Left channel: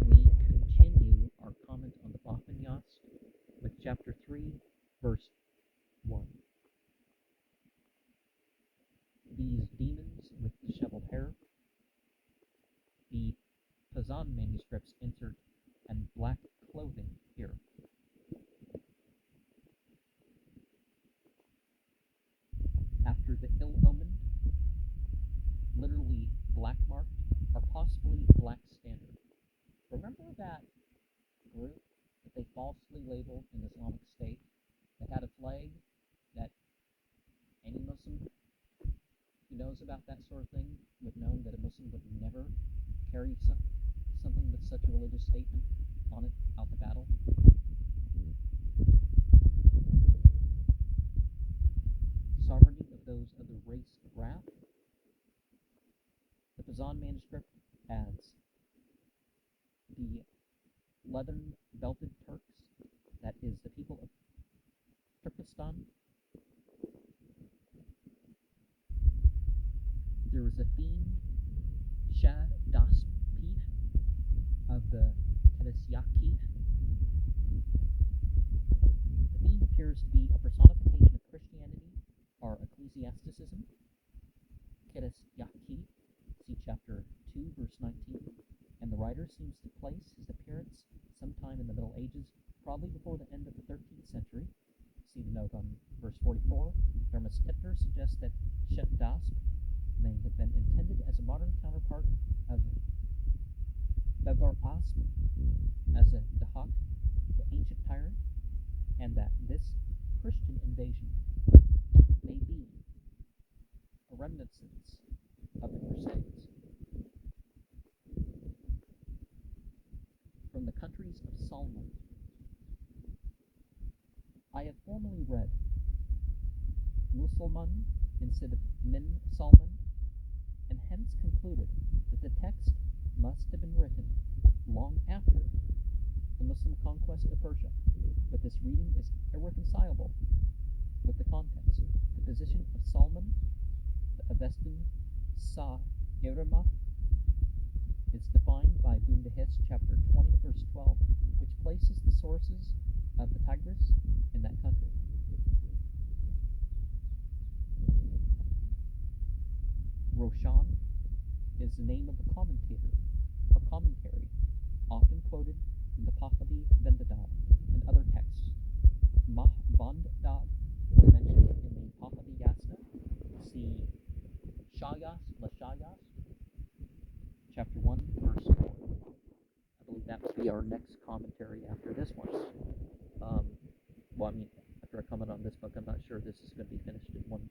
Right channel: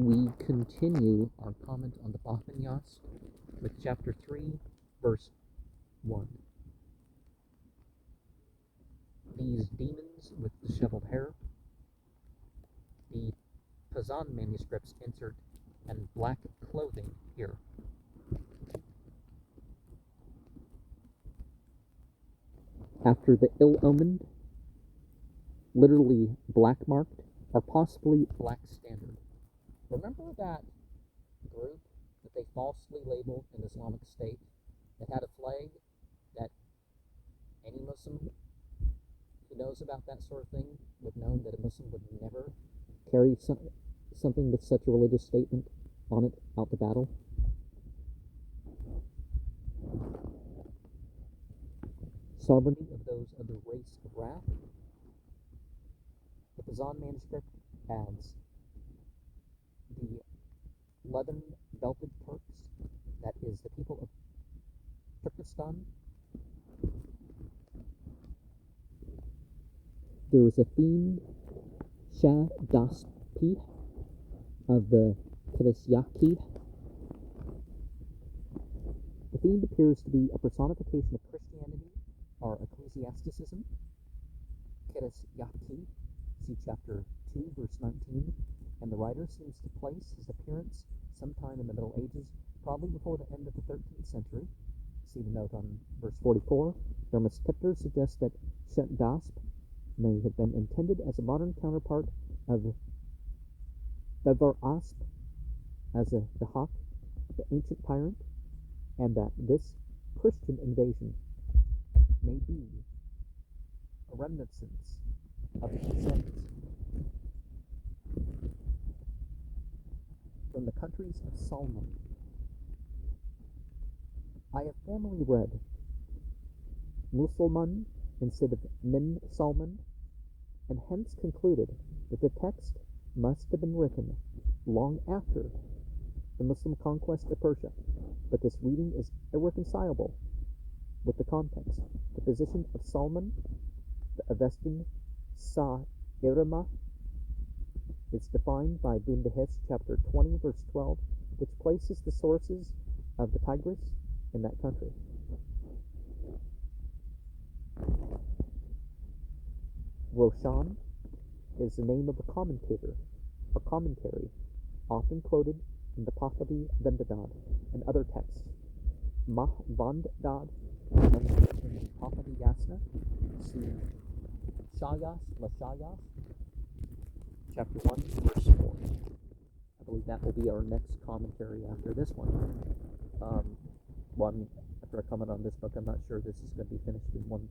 We continue our comment on the Bahman Yast with chapter 3, verse 1. These demons with disheveled hair. The Pazan manuscripts insert and black clothing here. After the ill-omened, literally black-marked, or possibly black standard. Remember that group that they falsely labeled an Islamic State that had a flag that any Muslim who knows about that sort of thing would know that a Muslim would never carry something with such a religious statement on it out to battle? Sovereignty of those of the race of wrath. The Pazan manuscript adds the leathern belted Turks, that is the people of Turkestan. There was a themed Shah Daspi of the Kilisyaki. The theme appears to be a personification of Christianity or ecclesiasticism. Kilisyaki, see chapter 2, verse 19, and the writer seems to place his appearance sometime in the Middle Ages, probably before the end of the 13th century. See the note on verse 44. Dermis Tipter suggests that Shet Dasp may have been intended as a modern counterpart of Bevar Asp as a Dahak, the ancient tyrant, and that this Christian invasion may be a reminiscence of the Crusades. From the countries of Salman. I have formerly read Musulman instead of Min Salman, and hence concluded that the text must have been written long after the Muslim conquest of Persia, but this reading is irreconcilable with the context. The position of Salman, the Avestan Sa Irama, is defined by Bundahis chapter 20, verse 12, which places the sources of the Tigris in that country. Roshan is the name of a commentator or commentary, often quoted in the Pahlavi Vendadad and other texts. Mahvandad, mentioned in the Pahlavi Yasna, see Shayas, Lashayas, chapter 1, verse 4. I believe that will be our next commentary after this one. After I comment on this book, I'm not sure this is going to be finished in one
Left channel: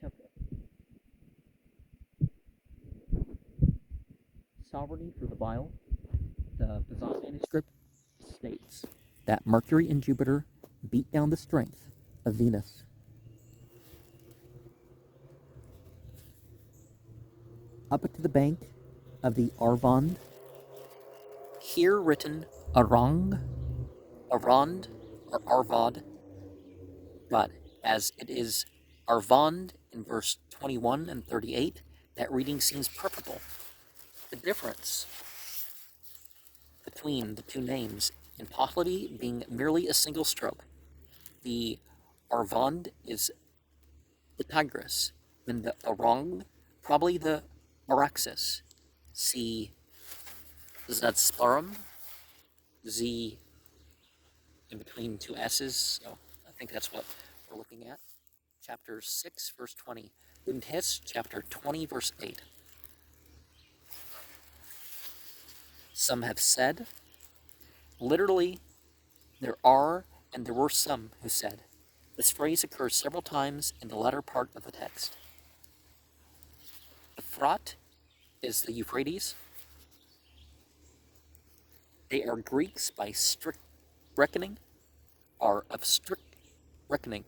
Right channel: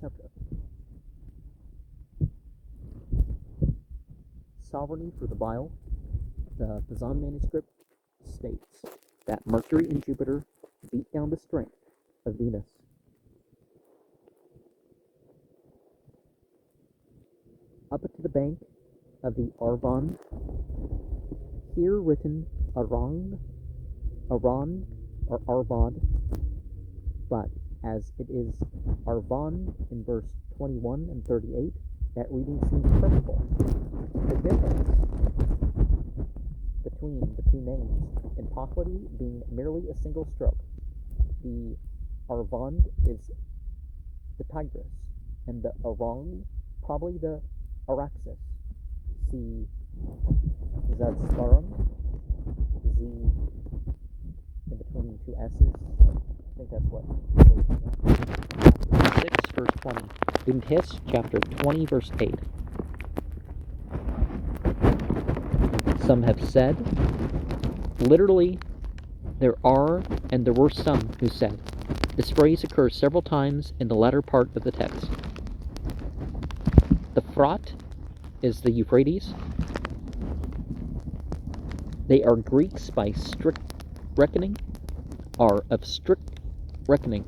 chapter. Sovereignty for the Bile. The Pazan manuscript states that Mercury and Jupiter beat down the strength of Venus. Up to the bank of the Arvand, here written Arang, Arand, or Arvad, but as it is Arvand in verse 21 and 38, that reading seems preferable. The difference between the two names in Pahlavi being merely a single stroke. The Arvand is the Tigris, and the Arang probably the Araxes. See Zadsparum, Z in between two S's. I think that's what we're looking at. Chapter 6, verse 20. Bundahis, chapter 20, verse 8. Some have said, literally, there are and there were some who said. This phrase occurs several times in the latter part of the text. The Frat is the Euphrates. They are Greeks by strict reckoning, are of strict reckoning,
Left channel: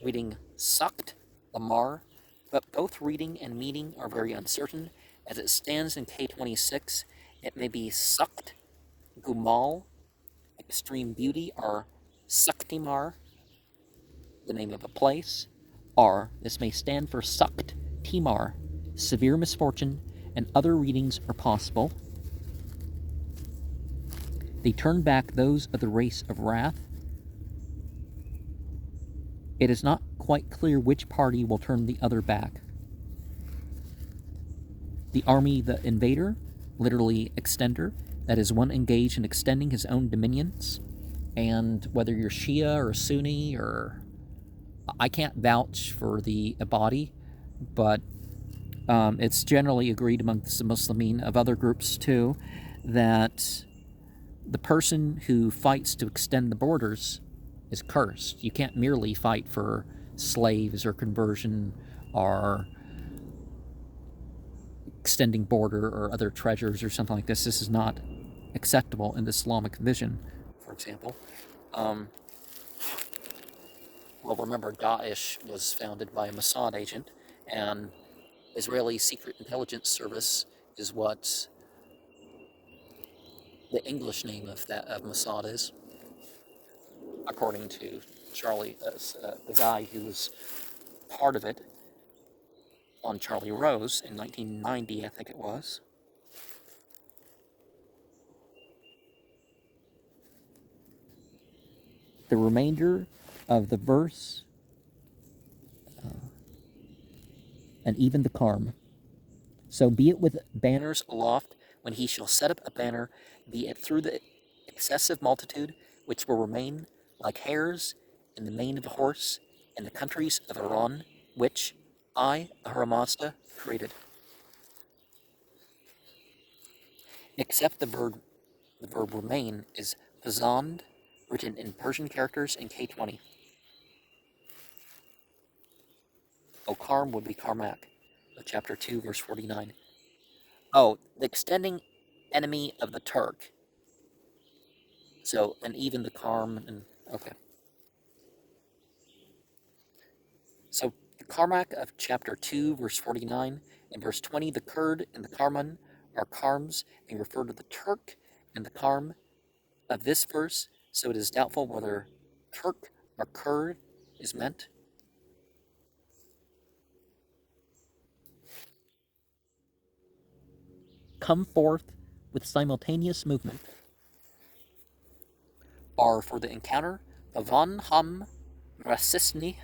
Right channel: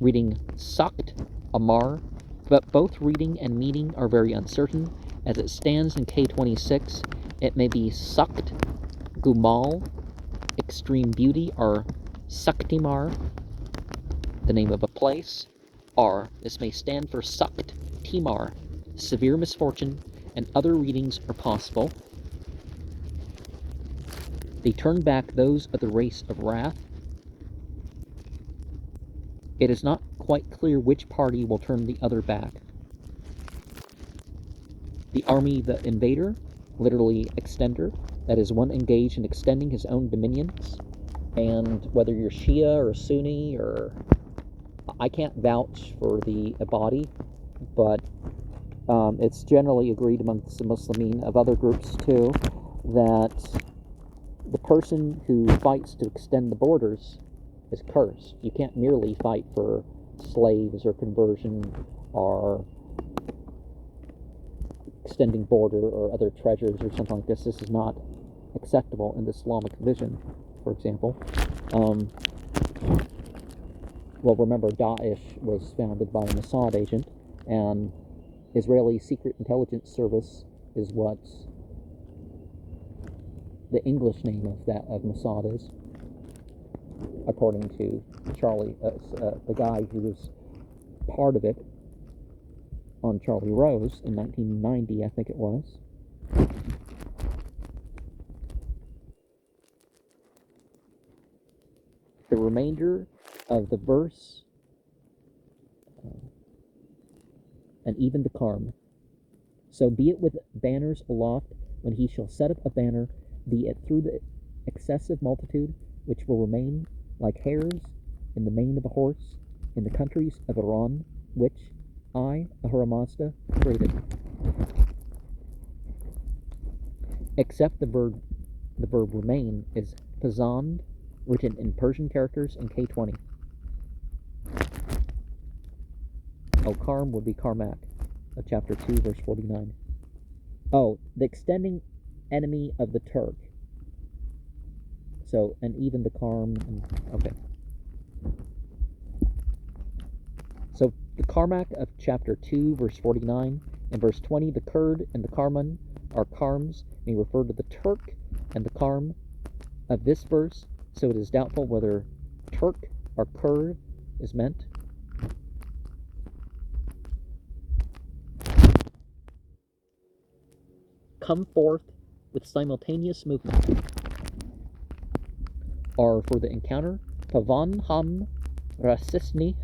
reading Sakt, Amar, but both reading and meaning are very uncertain. As it stands in K26, it may be Sakt, Gumal, extreme beauty, or Saktimar, the name of a place, or this may stand for Sakt, Timar, severe misfortune, and other readings are possible. They turn back those of the race of wrath. It is not quite clear which party will turn the other back. The army, the invader, literally extender, that is one engaged in extending his own dominions. And whether you're Shia or Sunni, or I can't vouch for the Abadi, but it's generally agreed amongst the Muslimin of other groups too that the person who fights to extend the borders is cursed. You can't merely fight for slaves or conversion or extending border or other treasures or something like this. This is not acceptable in the Islamic vision, for example. Well, remember, Daesh was founded by a Mossad agent, and Israeli Secret Intelligence Service is what the English name of Mossad is, according to Charlie, the guy who was part of it on Charlie Rose in 1990, I think it was. The remainder of the verse, and even the Karm. So be it with banners aloft, when he shall set up a banner, be it through the excessive multitude, which will remain like hairs in the mane of a horse, in the countries of Iran, which I, the Mazda, created. Except the verb remain is pazand, written in Persian characters in K20. Karm would be Karmak, of chapter 2, verse 49. The extending enemy of the Turk. So, and even the Karm, and okay. So, the Karmak of chapter 2, verse 49, in verse 20, the Kurd and the Karman are Karms, may refer to the Turk and the Karm of this verse, so it is doubtful whether Turk or Kurd is meant. Come forth with simultaneous movement, are for the encounter, Pavan Ham Rasisni,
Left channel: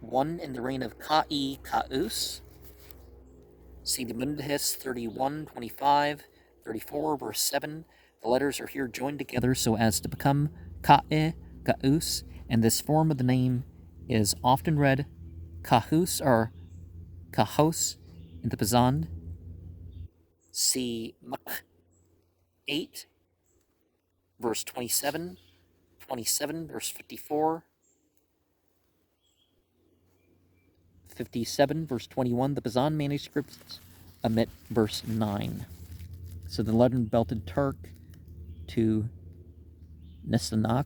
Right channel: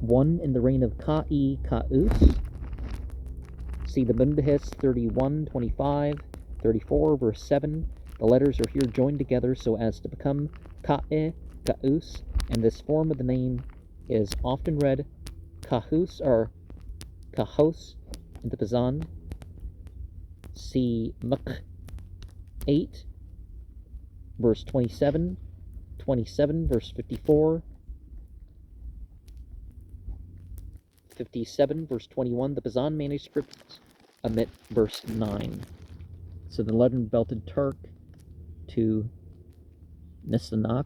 one in the reign of Ka'i Ka'us. See the Bundahis 31, 25, 34, verse 7. The letters are here joined together so as to become Ka'i Ka'us, and this form of the name is often read Kahus or Kahos in the Pazan. See Muk 8, verse 27, 27, verse 54, 57, verse 21. The Pazan manuscripts omit verse 9. So the leaden-belted Turk to Nisanak.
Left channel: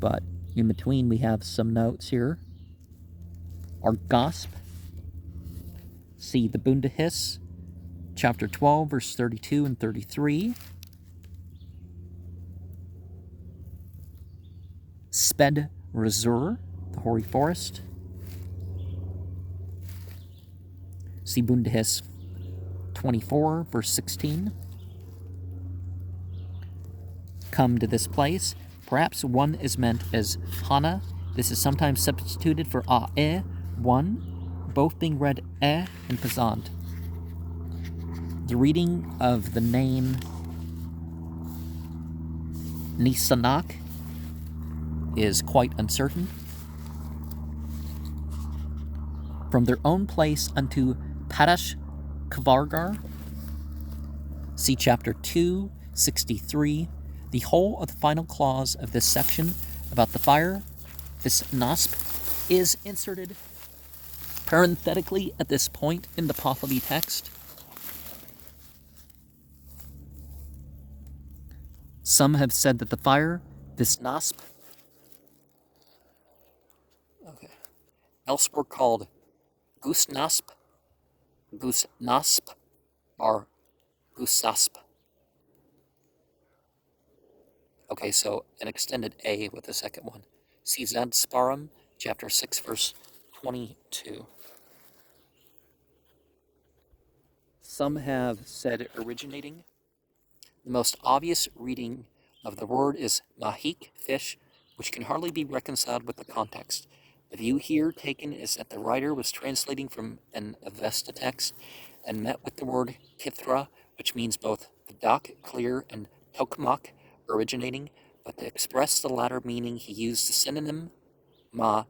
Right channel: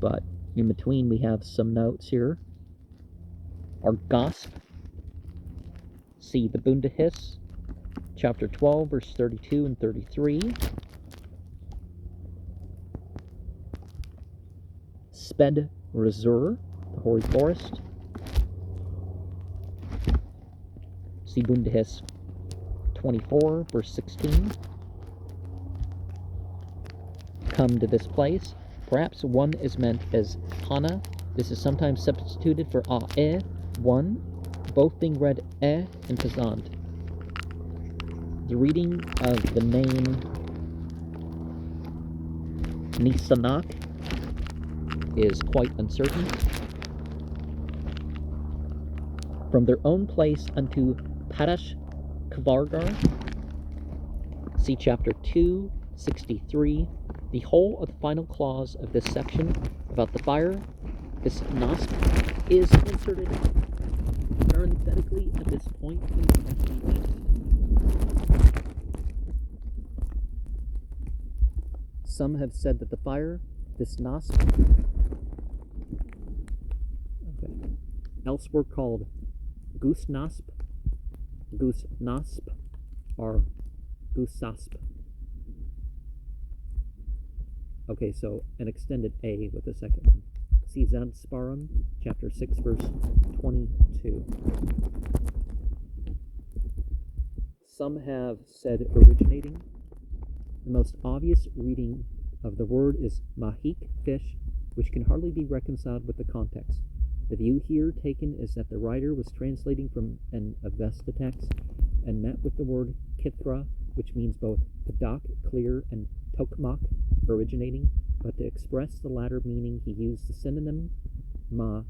But in between we have some notes here. Our Gosp. See the Bundahis, chapter 12, verse 32 and 33. Sped Razur, the hoary forest. See Bundahis 24, verse 16. Come to this place. Perhaps one is meant as Hana. This is sometimes substituted for A'e, one, both being read and Pazant. The reading of the name Nisanak is quite uncertain. From their own place unto Padash Kvargar, see chapter 2, 63. The whole of the final clause of this section about the fire, this nasp, is inserted parenthetically at this point in the Pahlavi text. Some have said that the fire, this nasp, elsewhere called Gusnasp, or Gusasp. Okay, so an extended A with the second one. See Zad Sparum, chapter 6, verse 22. Some have said originating. The most obvious reading of the word is mahik, fish, which can hardly be reconciled with the context. The view here taken is that the writer was translating from an Avesta text and met with the word kithra, which means both padak, clear, and tokmak, originating, but to express the latter meaning he used the synonym ma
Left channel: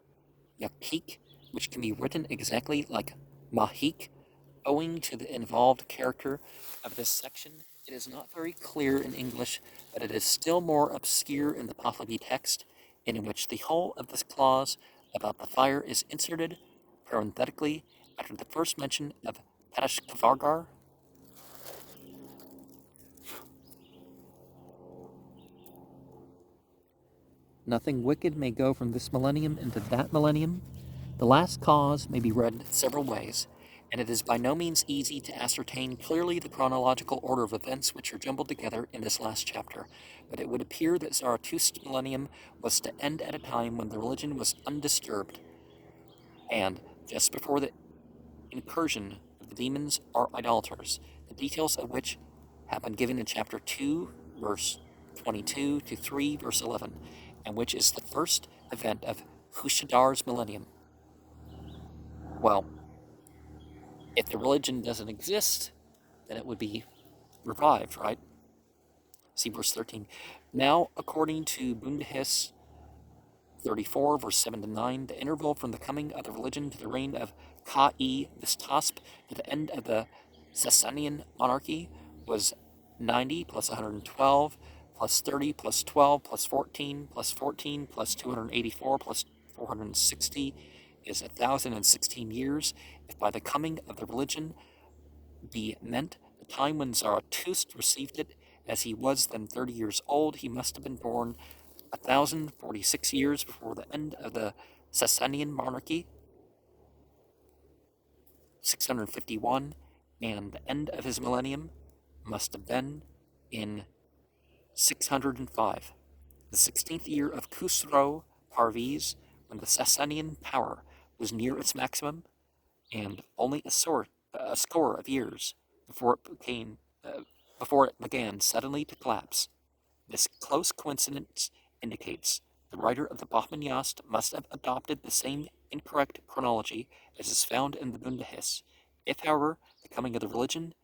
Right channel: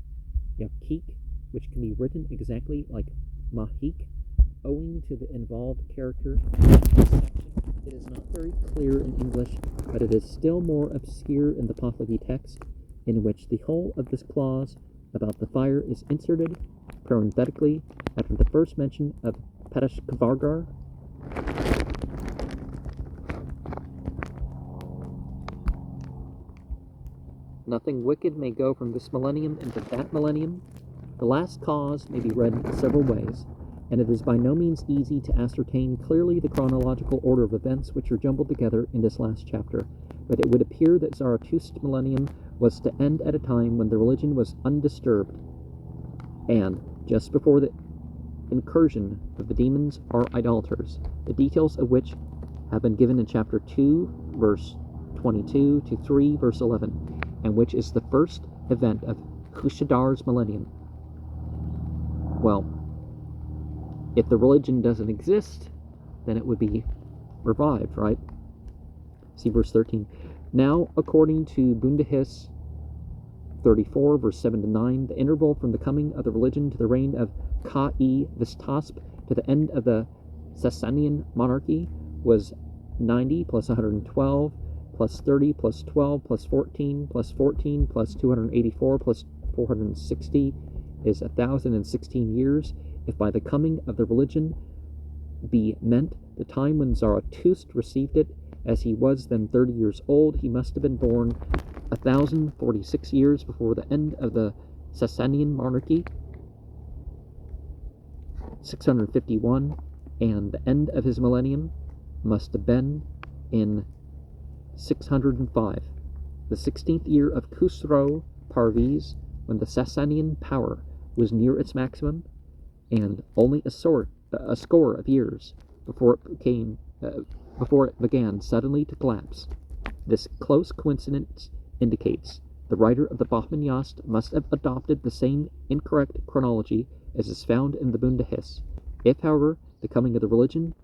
yakik, which can be written exactly like mahik. Owing to the involved character of this section, it is not very clear in English, but it is still more obscure in the Pahlavi text, in which the whole of this clause about the fire is inserted parenthetically after the first mention of Pereshkavargar. Nothing wicked may go from this millennium into that millennium. The last cause may be read in several ways, and it is by no means easy to ascertain clearly the chronological order of events which are jumbled together in this last chapter, but it would appear that Zarathustra's millennium was to end at a time when the religion was undisturbed, and just before the incursion of the demons or idolaters, the details of which have been given in chapter 2, verse 22 to 3, verse 11, and which is the first event of Hushadar's millennium. Well, if the religion doesn't exist, then it would be revived, right? See verse 13. Now, according to Bundahis 34, verse 7 to 9, the interval from the coming of the religion to the reign of Ka-e Vistasp to the end of the Sasanian monarchy was 90 plus 112 plus 30 plus 12 plus 14 plus 14 plus 284 plus 460 is 1,016 years. If by the coming of the religion be meant the time when Zarathustra received it, as he was then 30 years old, he must have been born 1,046 years before the end of the Sasanian monarchy, 651, and the end of his millennium must have been in 605, the 16th year of Khusro Parviz, when the Sasanian power was near its maximum, and only a score of years before it began suddenly to collapse. This close coincidence indicates the writer of the Bahman Yast must have adopted the same incorrect chronology as is found in the Bundahis. If, however, the coming of the religion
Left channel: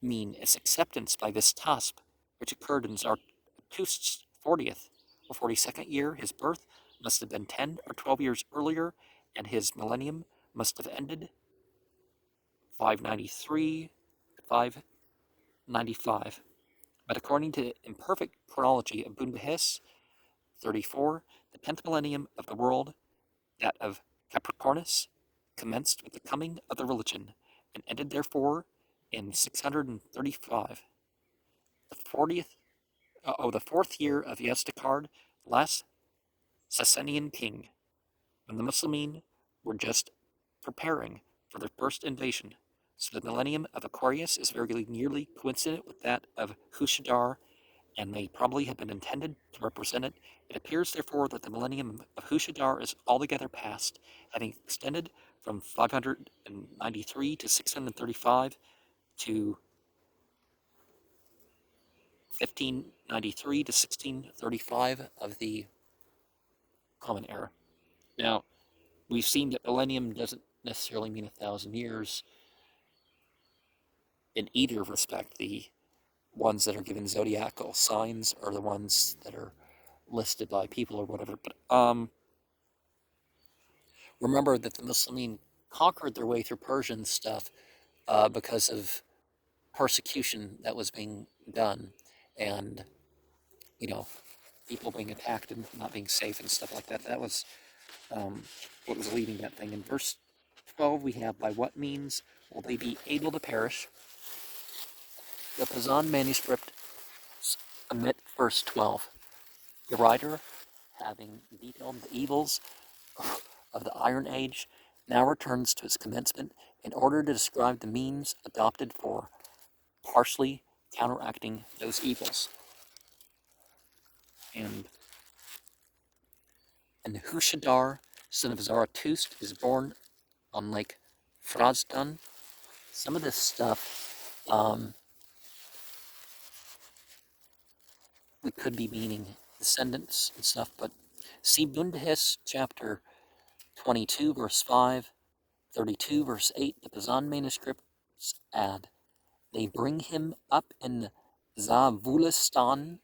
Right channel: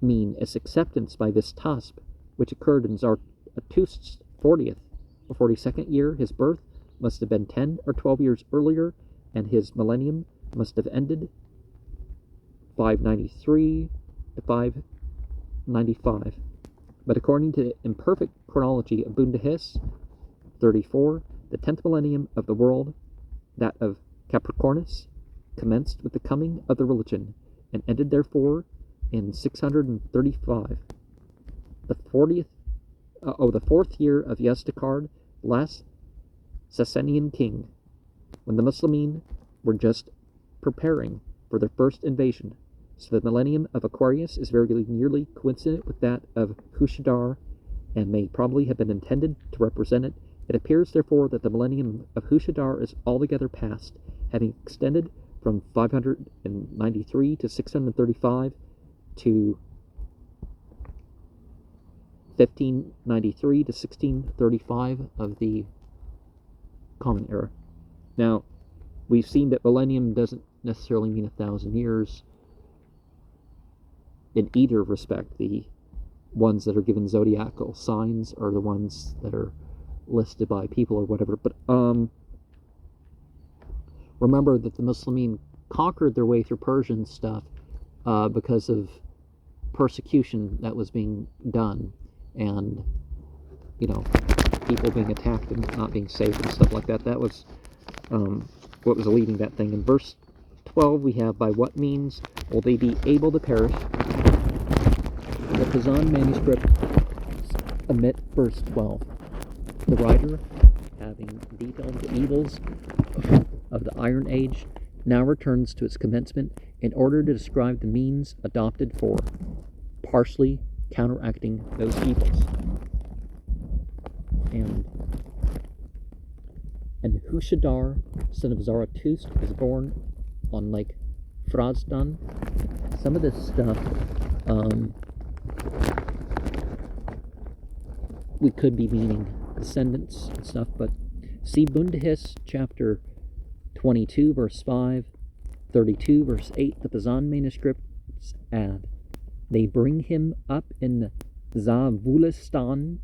mean its acceptance by Vistasp, which occurred in Zarathustra's 40th or 42nd year, his birth must have been 10 or 12 years earlier, and his millennium must have ended 593 to 595. But according to the imperfect chronology of Bundahis 34, the 10th millennium of the world, that of Capricornus, commenced with the coming of the religion, and ended therefore in 635. The 4th year of Yazdakard, last Sasanian king, when the Muslimin were just preparing for their first invasion. So the millennium of Aquarius is very nearly coincident with that of Hushadar, and may probably have been intended to represent it. It appears, therefore, that the millennium of Hushadar is altogether past, having extended from 593 to 635 to 1593 to 1635 of the Common Era. Now, we've seen that millennium doesn't necessarily mean 1,000 years in either respect. The ones that are given zodiacal signs are the ones that are listed by people or whatever. But remember that the Muslimin conquered their way through Persian stuff because of persecution that was being done, and people being attacked and not being safe and stuff like that. That was what was leading that thing. In verse 12 we have, by what means will they be able to perish? The Kazan manuscript omit verse 12. The writer, having detailed the evils of the Iron Age, now returns to its commencement in order to describe the means adopted for partially counteracting those evils. And Hushadar, son of Zarathustra, is born on Lake Frazdan, some of this stuff we could be meaning descendants and stuff, but see Bundahis chapter 22 verse 5, 32 verse 8, the Bahman manuscripts add, they bring him up in Zavulistan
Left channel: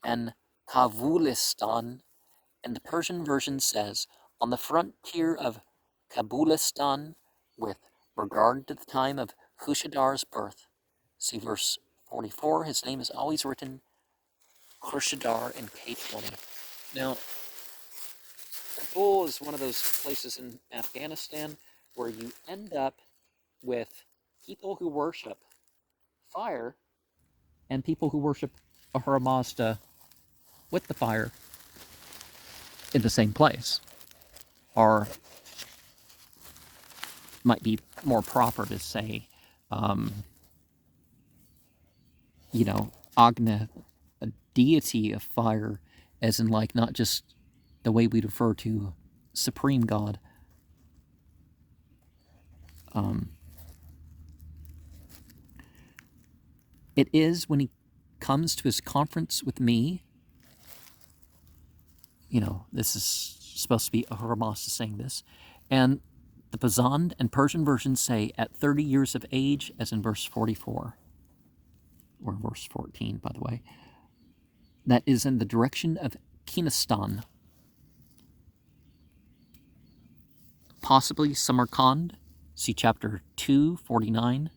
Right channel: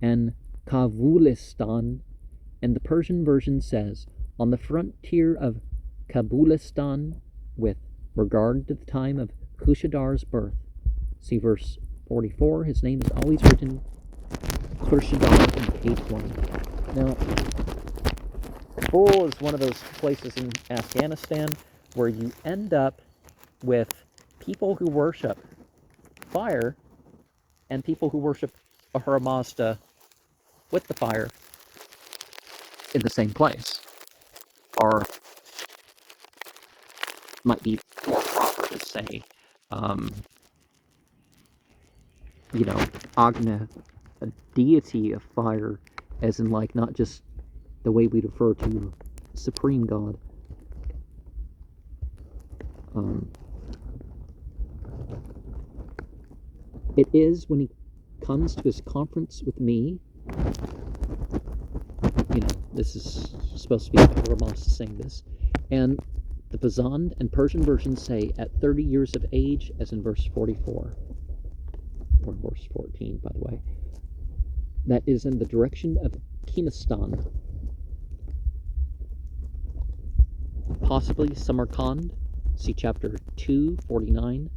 and Kavulistan, and the Persian version says, on the frontier of Kabulistan, with regard to the time of Khushadar's birth. See verse 44, his name is always written Khurshidar in K20. Now, Kabul is one of those places in Afghanistan where you end up with people who worship fire and people who worship Ahura Mazda with the fire in the same place. Or might be more proper to say, Agna, a deity of fire, as in like not just the way we refer to supreme God. It is when he comes to his conference with me, this is supposed to be Ahura Mazda saying this, and the Bahman and Persian versions say at 30 years of age, as in verse 44, or verse 14, by the way, that is in the direction of Kinistan, possibly Samarkand. See chapter 2:49.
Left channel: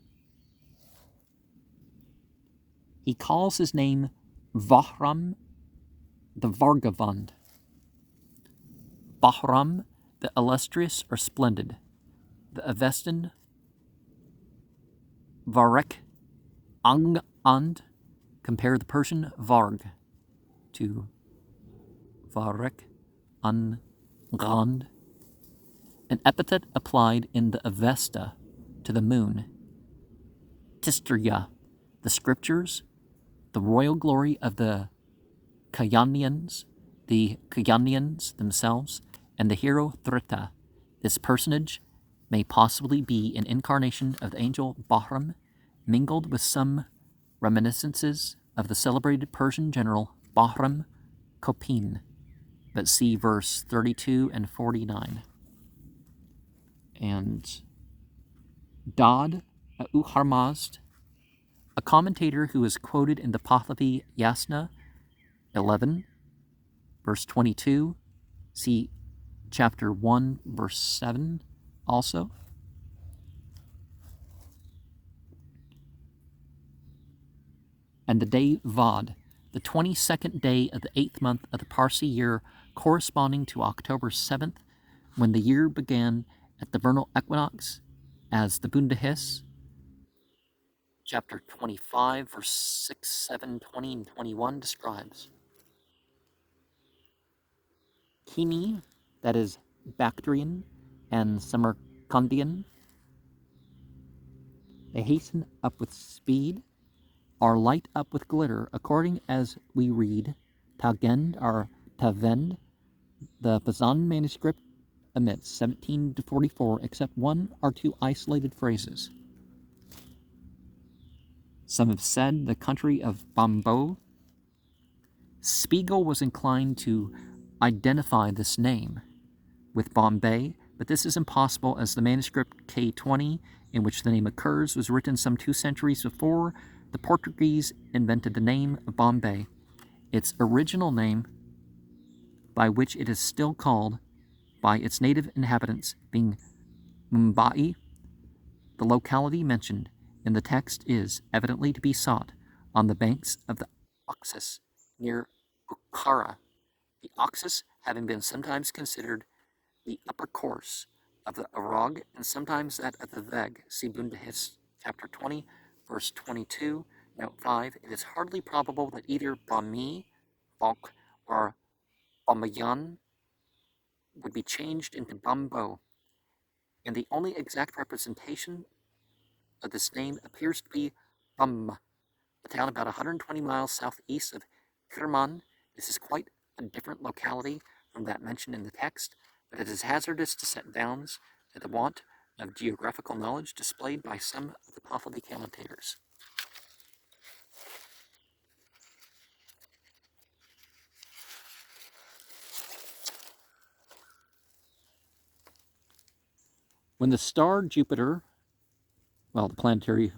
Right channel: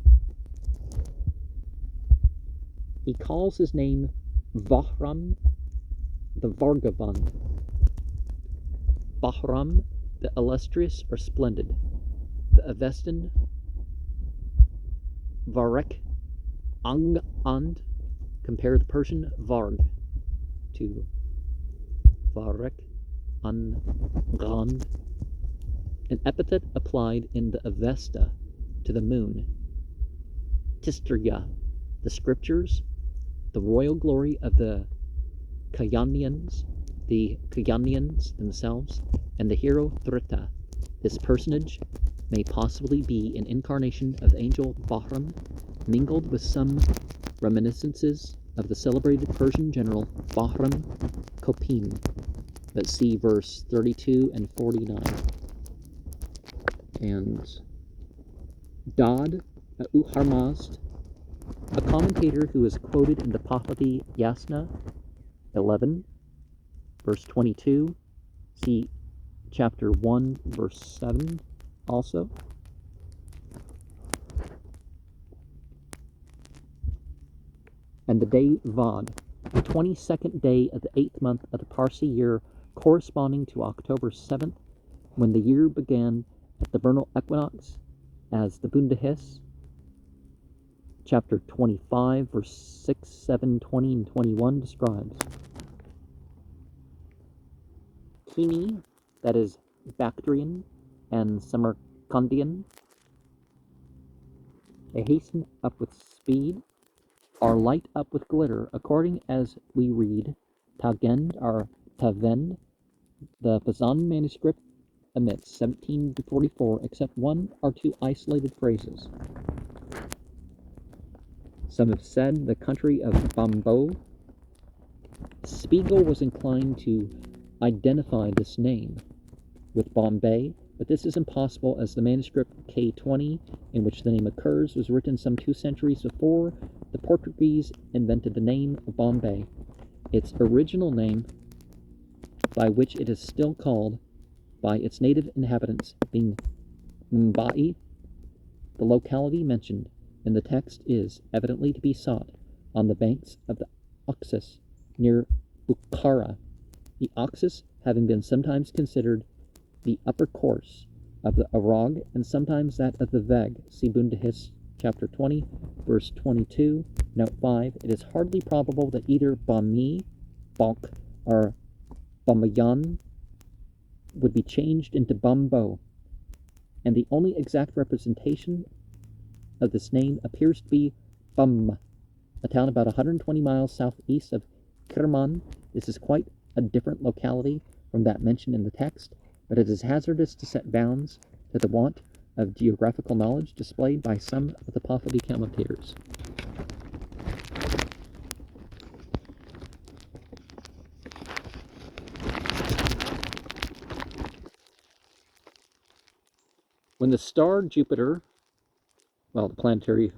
He calls his name Bahram the Vargavand. Bahram, the illustrious or splendid. The Avestan Varek And, compare the Persian Varg to Varek Angand, an epithet applied in the Avesta to the moon. Tistriya, the scriptures, the royal glory of the Kayanians themselves, and the hero Thrita. This personage may possibly be an incarnation of the angel Bahram, mingled with some reminiscences of the celebrated Persian general Bahram Kopin. But see verse 32 and 49. And Dod Uharmazd, a commentator who is quoted in the Pahlavi Yasna 11, verse 22, see chapter 1, verse 7 also. And the day Vad, the 22nd day of the 8th month of the Parsi year, corresponding to October 7th, when the year began at the vernal equinox, as the Bundahis, chapter 25, verse 6, 7, 20, and 21 describes. Kimi, that is Bactrian and Samarkandian, they hasten up with speed, or light up with glitter, according as we read Tagend or Tavend. The Bahman manuscript omits 17 to 44, except one or two isolated phrases. Some have said the country of Bambo. Spiegel was inclined to identify this name with Bombay, but this is impossible, as the manuscript K20, in which the name occurs, was written some 2 centuries before the Portuguese invented the name of Bombay, its original name, by which it is still called by its native inhabitants, being Mumbai. The locality mentioned in the text is evidently to be sought on the banks of the Oxus near Bukhara, the Oxus having been sometimes considered the upper course of the Arag and sometimes that of the Veg. See Bundahis chapter 20, verse 22, note 5. It is hardly probable that either Bami, Bonk, or Bamayan would be changed into Bambo, and the only exact representation of this name appears to be Bam, a town about 120 miles southeast of Kirman. This is quite a different locality from that mentioned in the text, but it is hazardous to set bounds to the want of geographical knowledge displayed by some of the Pahlavi commentators. When the star Jupiter, well, the planetary,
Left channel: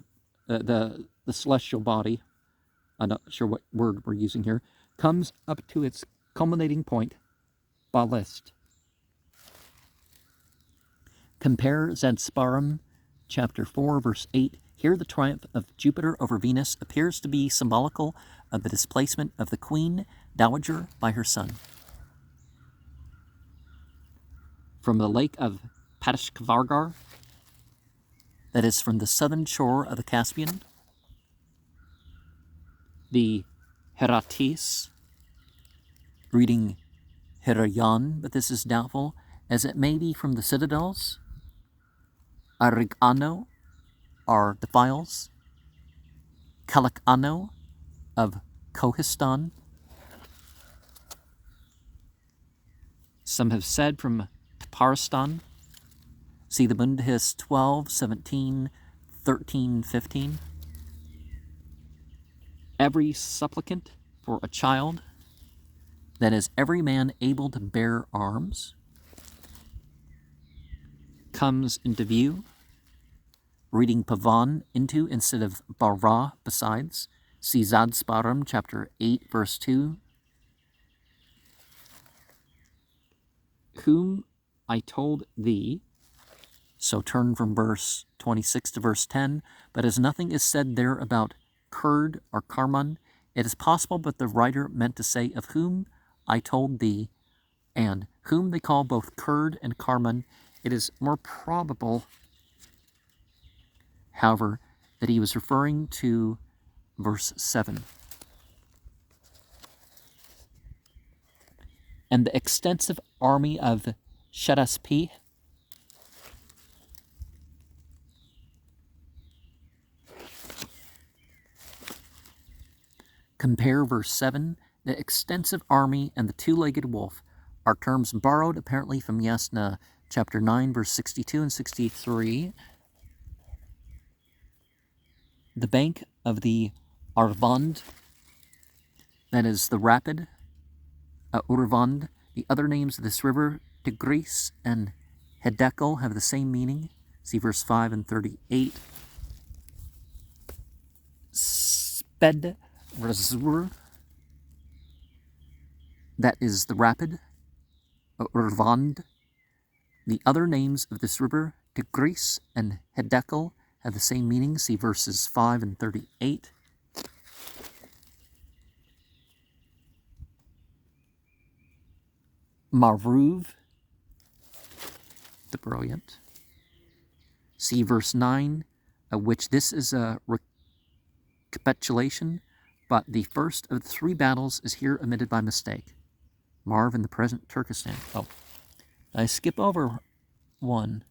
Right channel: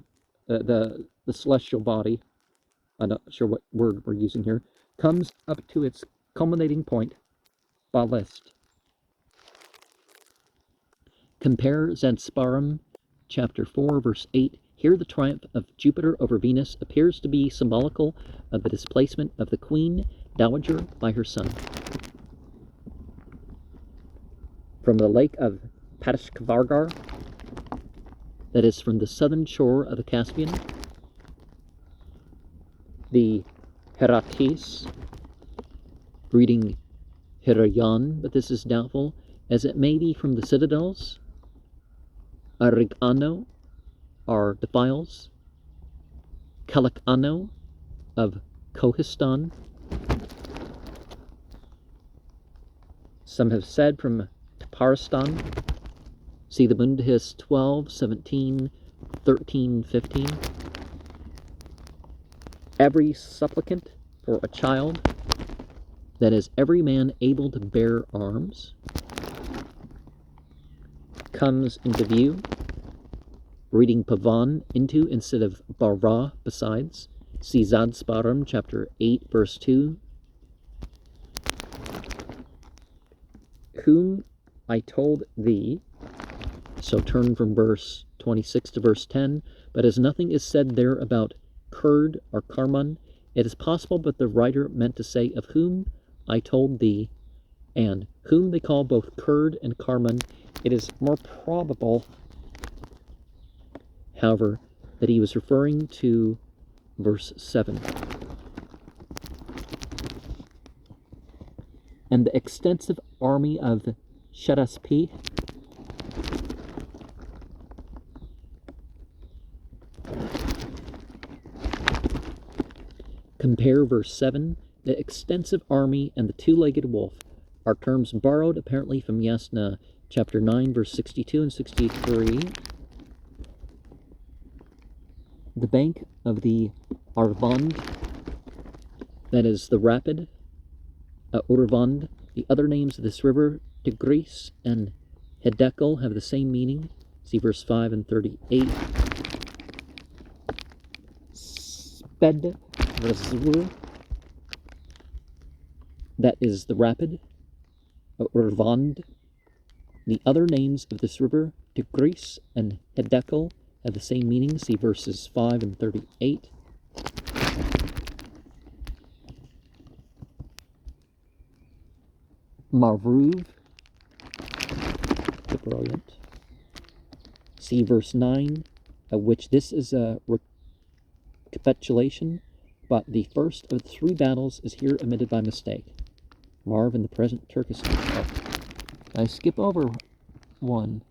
the celestial body, I'm not sure what word we're using here, comes up to its culminating point, Balist. Compare Zansparum, chapter 4, verse 8. Here the triumph of Jupiter over Venus appears to be symbolical of the displacement of the queen dowager by her son. From the lake of Patishkvargar, that is from the southern shore of the Caspian, the Heratis, reading Herayan, but this is doubtful, as it may be from the citadels. Arigano are the files. Kalakano of Kohistan. Some have said from Taparistan. See the Bundahis 12, 17, 13, 15. Every supplicant for a child, that is, every man able to bear arms, comes into view, reading Pavan into instead of Bara besides. See Zadsparam, chapter 8, verse 2. Whom I told thee, so turn from verse 26 to verse 10, but as nothing is said there about Kurd or Karman, it is possible that the writer meant to say of whom I told thee, and whom they call both Kurd and Karman. It is more probable, however, that he was referring to verse 7. And the extensive army of Shadaspi, compare verse 7. The extensive army and the two-legged wolf are terms borrowed apparently from Yasna chapter 9, verse 62 and 63. The bank of the Arvand, that is the rapid, Urvand. The other names of this river, Tigris and Hedekel, have the same meaning. See verse 5 and 38. Sped Razur, that is the rapid, Urvand. The other names of this river, Tigris and Hedekel, have the same meaning. See verses 5 and 38. Maruv, the brilliant. See verse 9, of which this is a recapitulation, but the first of the three battles is here omitted by mistake. Marv in the present Turkestan. Oh. I skip over one.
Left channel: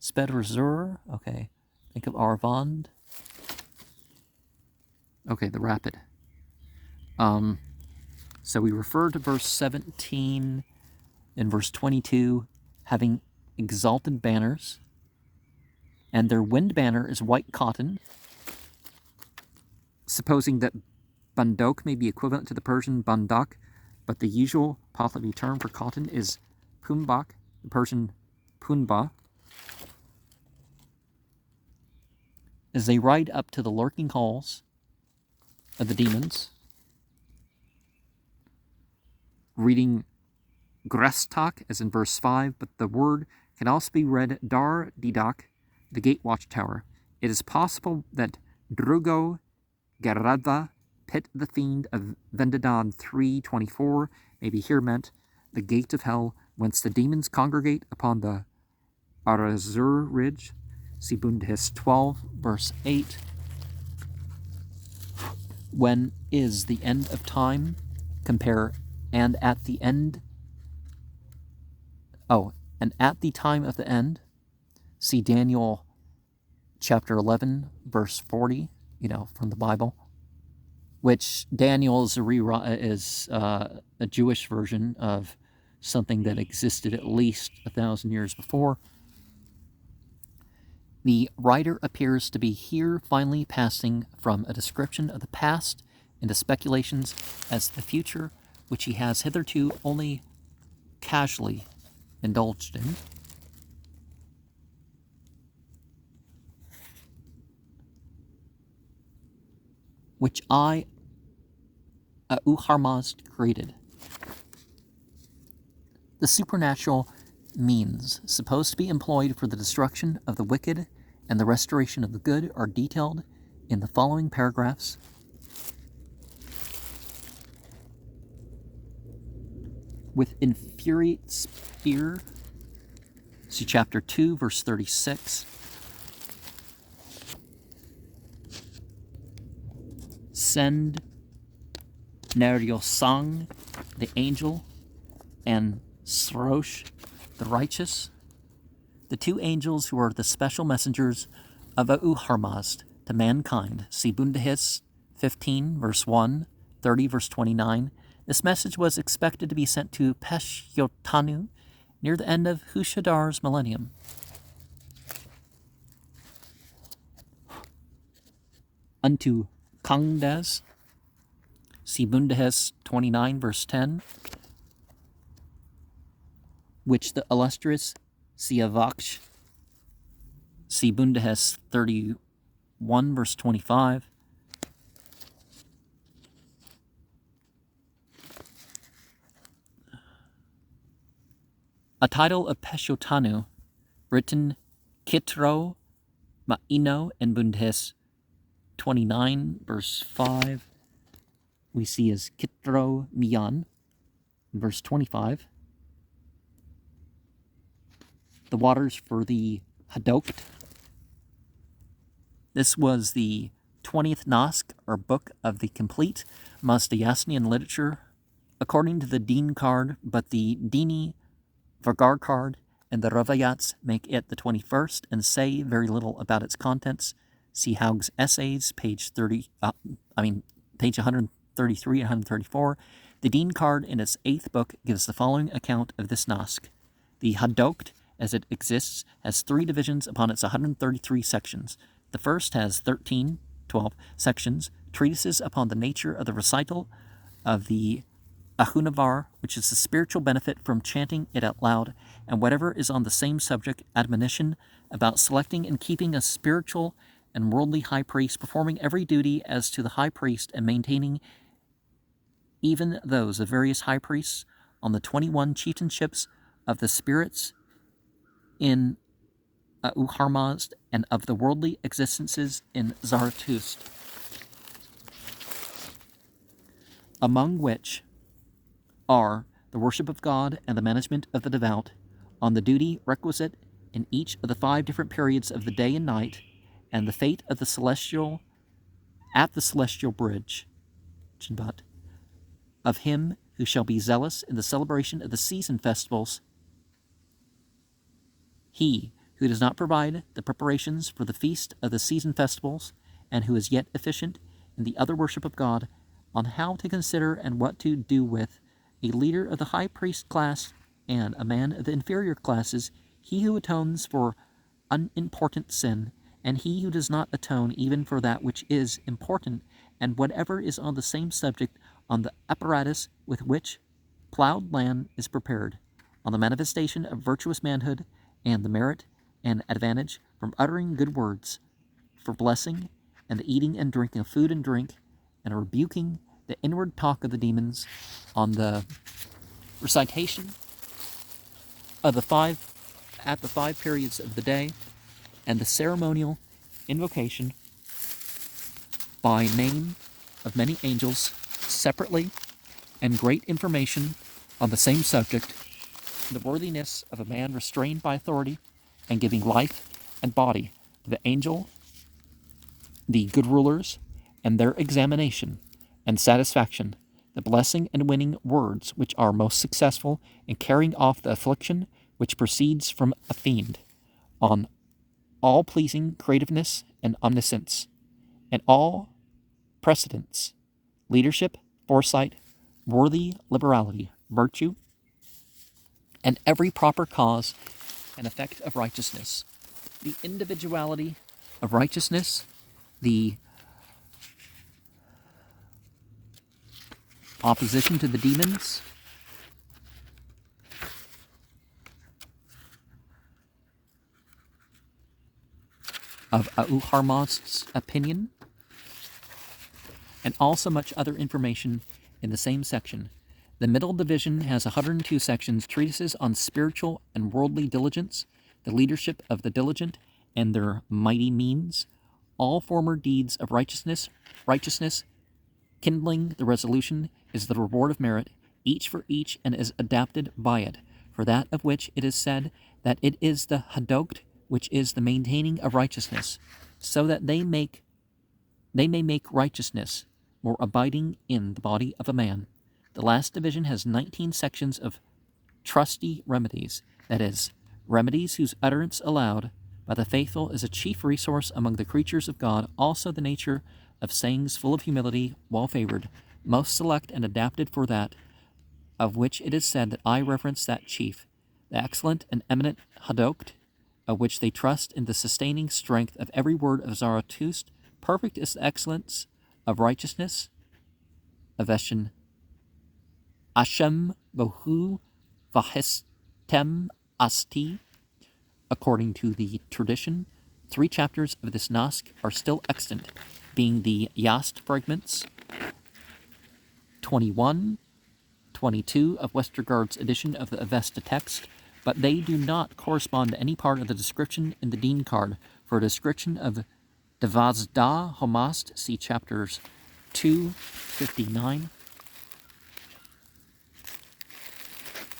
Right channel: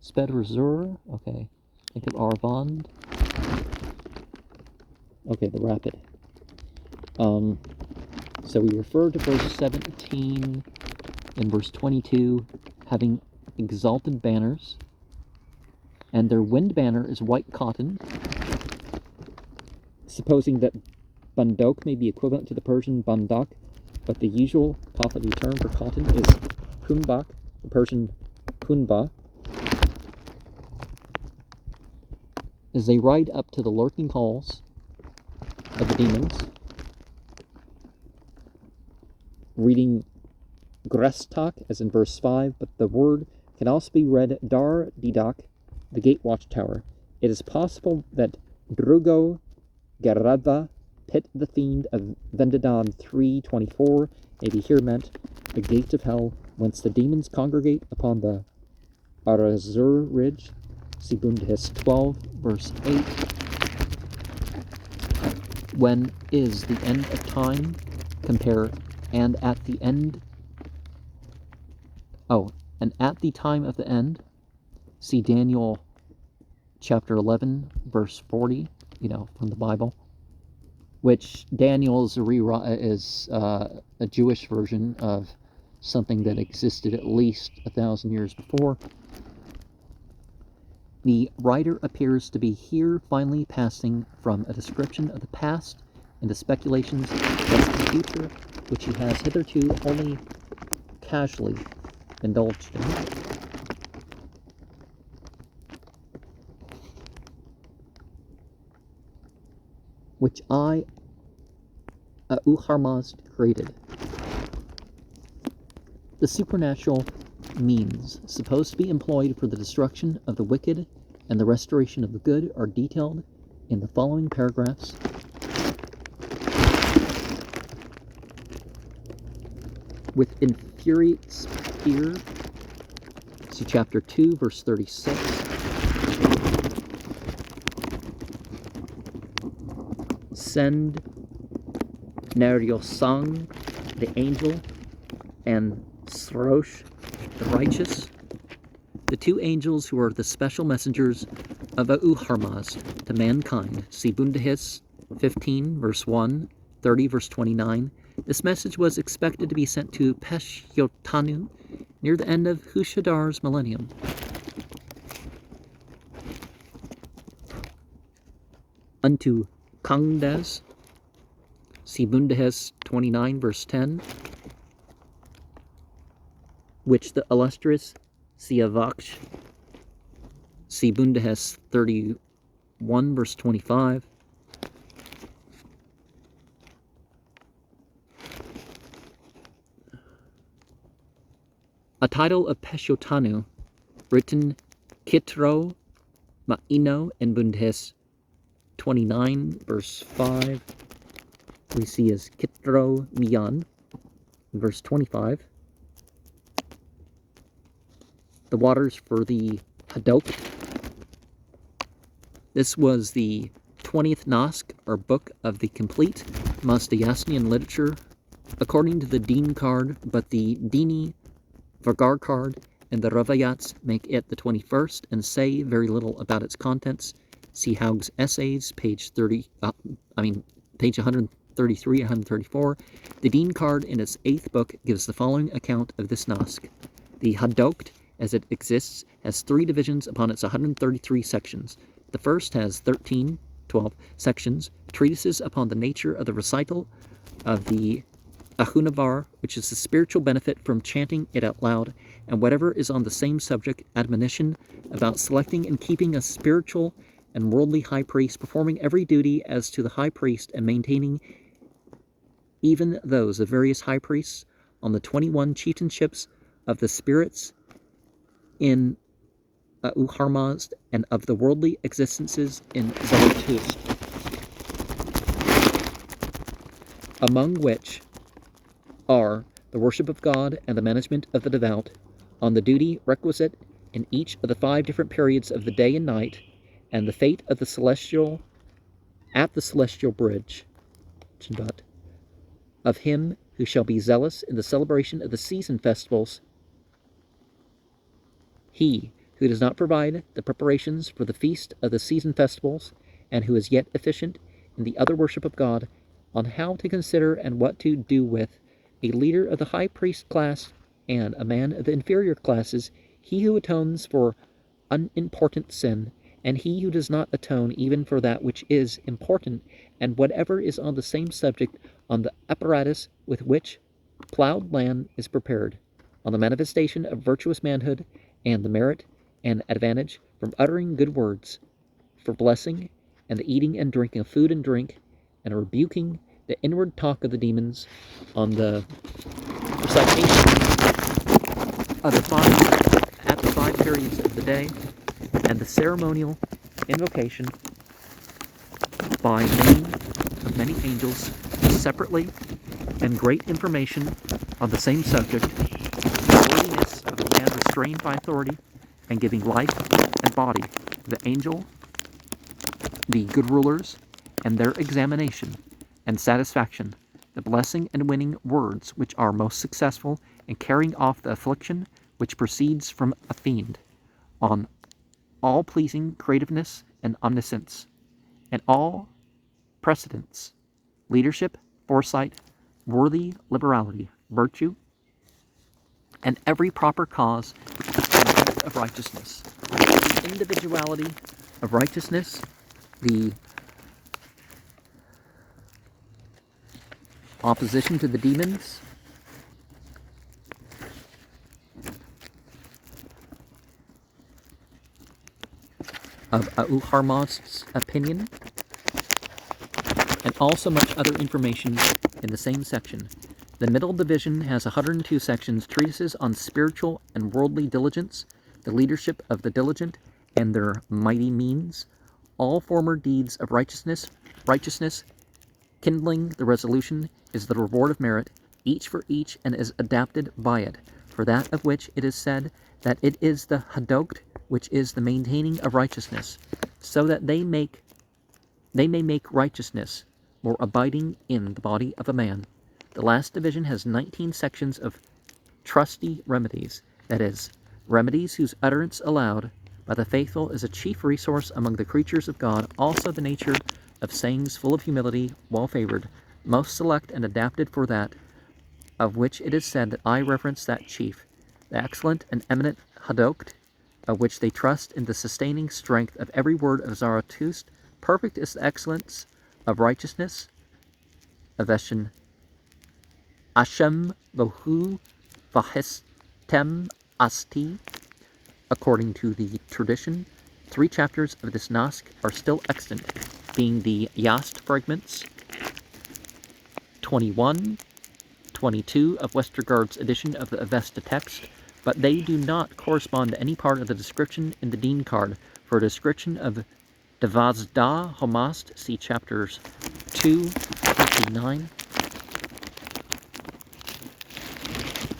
Spedrazur, okay. Think of Arvand. Okay, the rapid. So we refer to verse 17 and verse 22 having exalted banners, and their wind banner is white cotton, supposing that bandok may be equivalent to the Persian bandak, but the usual Pahlavi term for cotton is kumbak, the Persian kunba. As they ride up to the lurking holes of the demons, reading Grestak, as in verse 5, but the word can also be read Dar Didak, the gate watchtower. It is possible that Drugo Garadha, pit the fiend of Vendadan 3:24, may be here meant the gate of hell, whence the demons congregate upon the Arazur ridge. See Bundahis 12, verse 8. When is the end of time? Compare and at the end. Oh, and at the time of the end. See Daniel chapter 11, verse 40, from the Bible. Which Daniel is a Jewish version of something that existed at least 1,000 years before. The writer appears to be here finally passing from a description of the past into speculations as to the future, which he has hitherto only casually indulged in. Which I, Uharmazd, created. The supernatural means supposed to be employed for the destruction of the wicked and the restoration of the good are detailed in the following paragraphs. With infuriates fear, see chapter 2, verse 36. Send Neryosang, the angel, and Srosh, the righteous, the two angels who are the special messengers of Uharmazd to mankind. See Bundahis 15, verse 1, 30, verse 29. This message was expected to be sent to Peshyotanu near the end of Hushadar's millennium. Unto Kangdas, see Bundahis 29, verse 10, which the illustrious Siavaksh, see Bundahis 31, verse 25, a title of Peshyotanu, written Kitro Ma'ino in Bundahis 29, verse 5, we see as Kitro Miyan, verse 25. The waters for the Hadok. This was the 20th Nask, or book of the complete Mazdayasnian literature, according to the Deen card, but the Dini Vargar card and the Ravayats make it the 21st and say very little about its contents. See Haug's Essays, page 133 and 134. The Deen card in its 8th book gives the following account of this Nask. The Hadokt, as it exists, has 3 divisions upon its 133 sections. The first has 12 sections, treatises upon the nature of the recital of the Ahunavar, which is the spiritual benefit from chanting it out loud, and whatever is on the same subject, admonition about selecting and keeping a spiritual and worldly high priest, performing every duty as to the high priest, and maintaining even those of various high priests on the 21 chieftainships of the spirits in Uharmazd and of the worldly existences in Zarathustra, among which are the worship of God and the management of the devout, on the duty requisite in each of the 5 different periods of the day and night, and the fate of the celestial at the celestial bridge, of him who shall be zealous in the celebration of the season festivals. He who does not provide the preparations for the feast of the season festivals, and who is yet efficient in the other worship of God, on how to consider and what to do with a leader of the high priest class and a man of the inferior classes, he who atones for unimportant sin, and he who does not atone even for that which is important, and whatever is on the same subject, on the apparatus with which plowed land is prepared, on the manifestation of virtuous manhood, and the merit and advantage from uttering good words, for blessing, and the eating and drinking of food and drink, and rebuking the inward talk of the demons, on the recitation of the 5 periods of the day, and the ceremonial invocation by name of many angels separately, and great information on the same subject, the worthiness of a man restrained by authority and giving life and body to the angel, the good rulers, and their examination and satisfaction, the blessing and winning words which are most successful in carrying off the affliction which proceeds from a fiend, on all pleasing creativeness and omniscience, and all precedence, leadership, foresight, worthy liberality, virtue, and every proper cause and effect of righteousness. The individuality of righteousness, the opposition to the demons, of Auharmast's opinion, and also much other information in the same section. The middle division has 102 sections, treatises on spiritual and worldly diligence, the leadership of the diligent, and their mighty means, all former deeds of righteousness, kindling the resolution, is the reward of merit, each for each, and is adapted by it, for that of which it is said that it is the hadokt, which is the maintaining of righteousness, so that they may make righteousness more abiding in the body of a man. The last division has 19 sections of trusty remedies, that is, remedies whose utterance allowed by the faithful is a chief resource among the creatures of God, also the nature of sayings full of humility, well-favored, most select and adapted for that, of which it is said that I reverence that chief, the excellent and eminent hadokt, of which they trust in the sustaining strength of every word of Zarathustra. Perfect is the excellence of righteousness, Aveshan Ashem Bohu Vahistem Asti. According to the tradition, 3 chapters of this Nask are still extant, being the Yast fragments, 21, 22 of Westergaard's edition of the Avesta text, but they do not correspond to any part of the description in the Dean card. For a description of Devazda Homast, see chapters 2-9.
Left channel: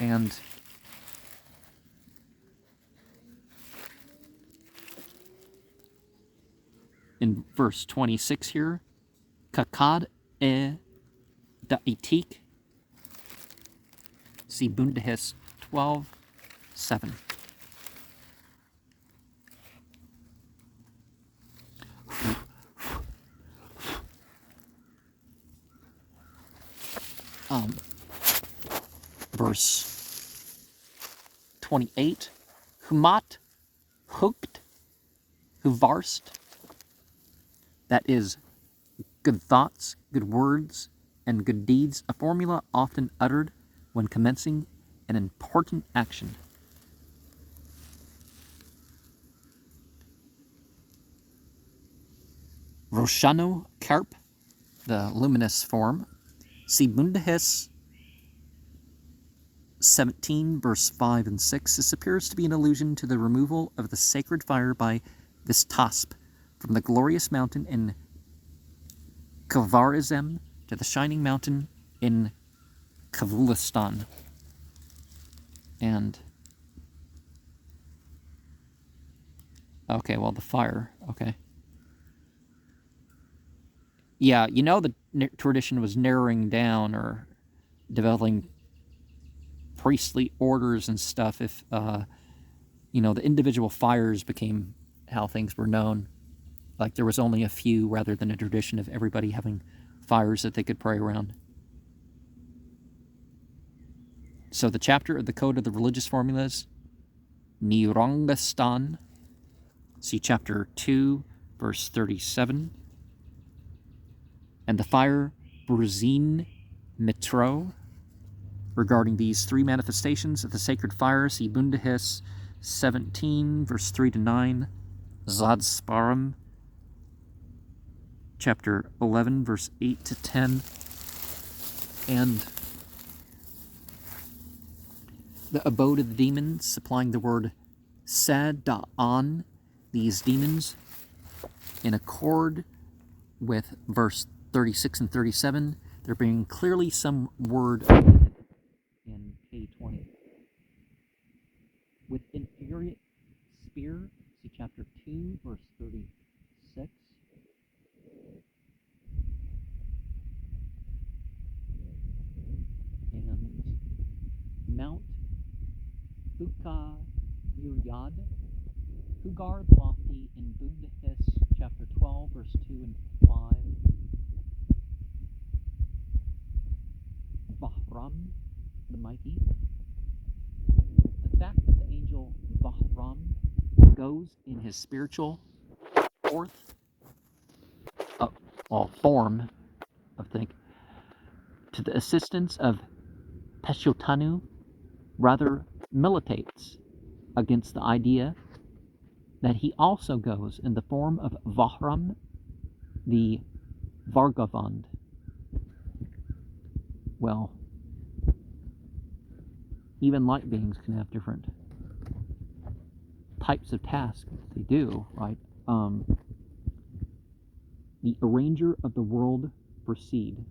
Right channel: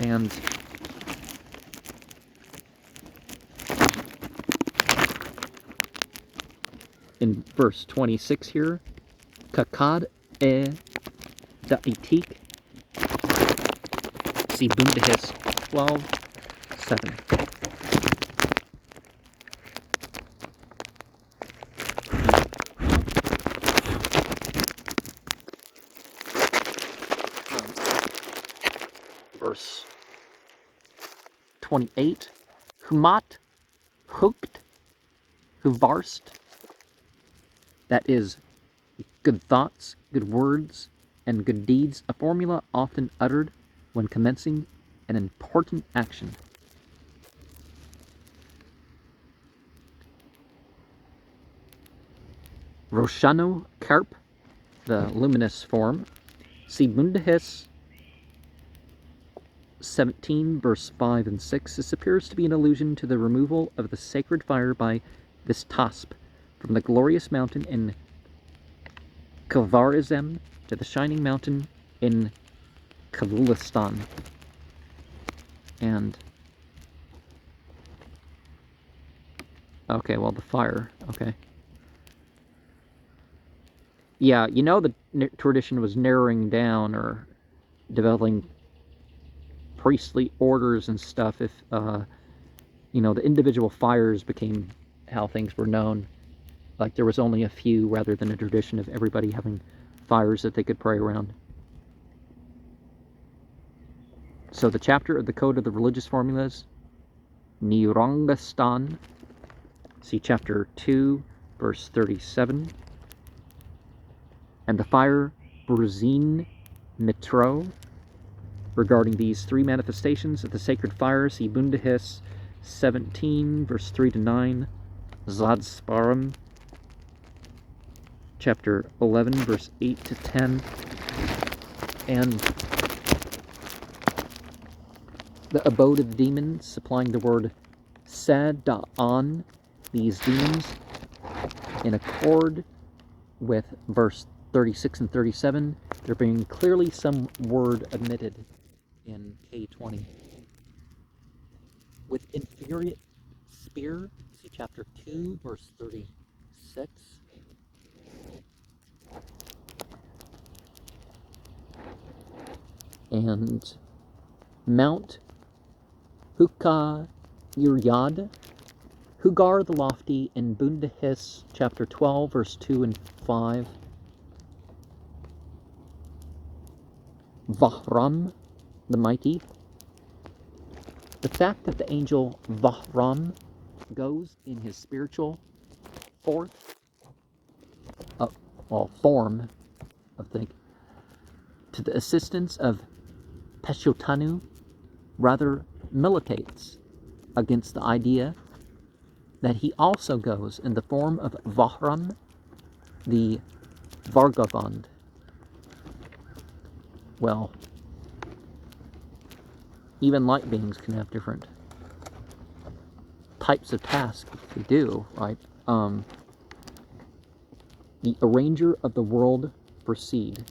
And in verse 26 here, Kakad e Da'itik, see Bundahis 12:7. Verse 28, Humat Hukt Huvarst, that is, good thoughts, good words, and good deeds, a formula often uttered when commencing an important action. Roshano Karp, the luminous form, see Bundahis 17, verse 5 and 6. This appears to be an allusion to the removal of the sacred fire by Vistasp from the glorious mountain in Kavarizem to the shining mountain in Kavulistan. And okay, well, the fire, okay. Yeah, you know, the tradition was narrowing down or developing priestly orders and stuff if, you know, the individual fires became how things were known. Like there was only a few rather than a tradition of everybody having fires that they could pray around. So the chapter of the Code of the Religious Formulas, Nirangastan, see chapter 2, verse 37. And the fire Burzin Mitro, regarding these 3 manifestations of the sacred fire, see Bundahis 17, verse 3-9, Zadsparam, chapter 11, verse 8-10, and the abode of the demons, supplying the word Sada'an, these demons, in accord with verse 36 and 37, there being clearly some word omitted in K20. With infuriate spear, see chapter 2, verse 36. And Mount Hukka Yuryad, Hugar the Lofty, in Bundahis chapter 12, verse 2 and 5. Vahram the Mighty, The fact that the angel Bahram goes in his spiritual fourth, form of the to the assistance of Peshotanu rather militates against the idea that he also goes in the form of Vahram, the Vargavand. Well, even light beings can have different types of tasks to do, right? The arranger of the world proceed.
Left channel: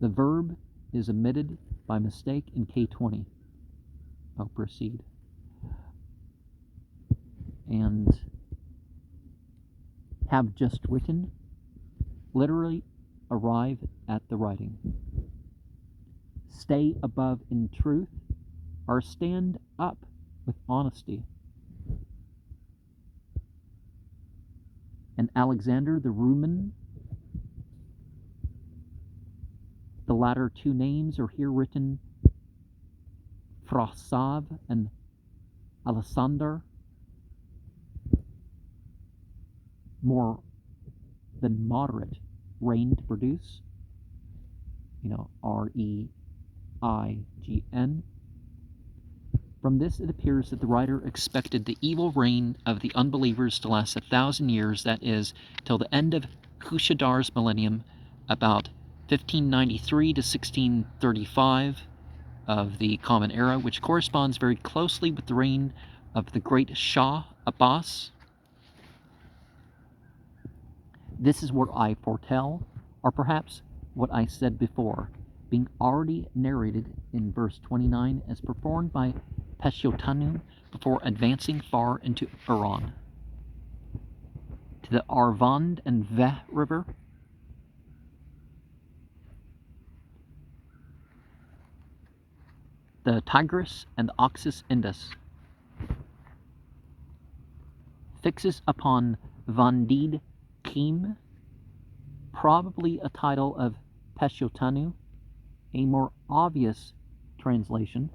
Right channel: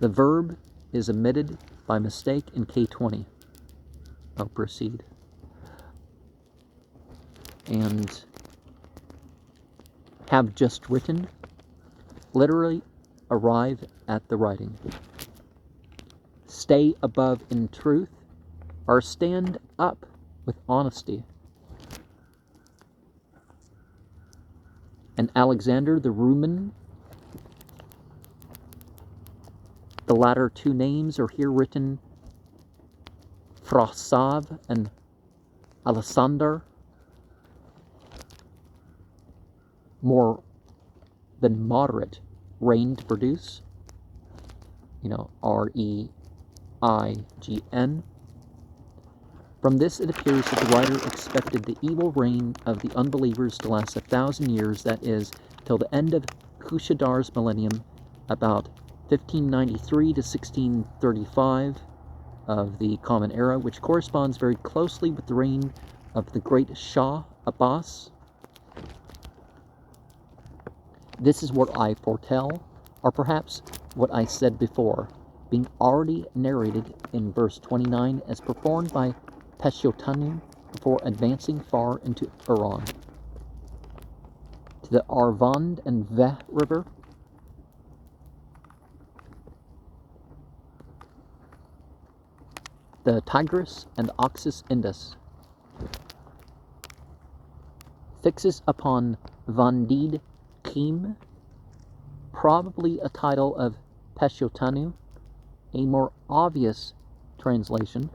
The verb is omitted by mistake in K20. Proceed. And have just written, literally arrive at the writing. Stay above in truth, or stand up with honesty. And Alexander the Roman, the latter two names are here written Frasav and Alexander, more than moderate rain to produce, R-E-I-G-N. From this it appears that the writer expected the evil reign of the unbelievers to last 1,000 years, that is, till the end of Hushadar's millennium, about 1593 to 1635 of the Common Era, which corresponds very closely with the reign of the great Shah Abbas. This is what I foretell, or perhaps what I said before, being already narrated in verse 29 as performed by Peshotanu before advancing far into Iran. To the Arvand and Veh River, the Tigris and the Oxus Indus, fixes upon Vandid Kim, probably a title of Peshotanu. A more obvious translation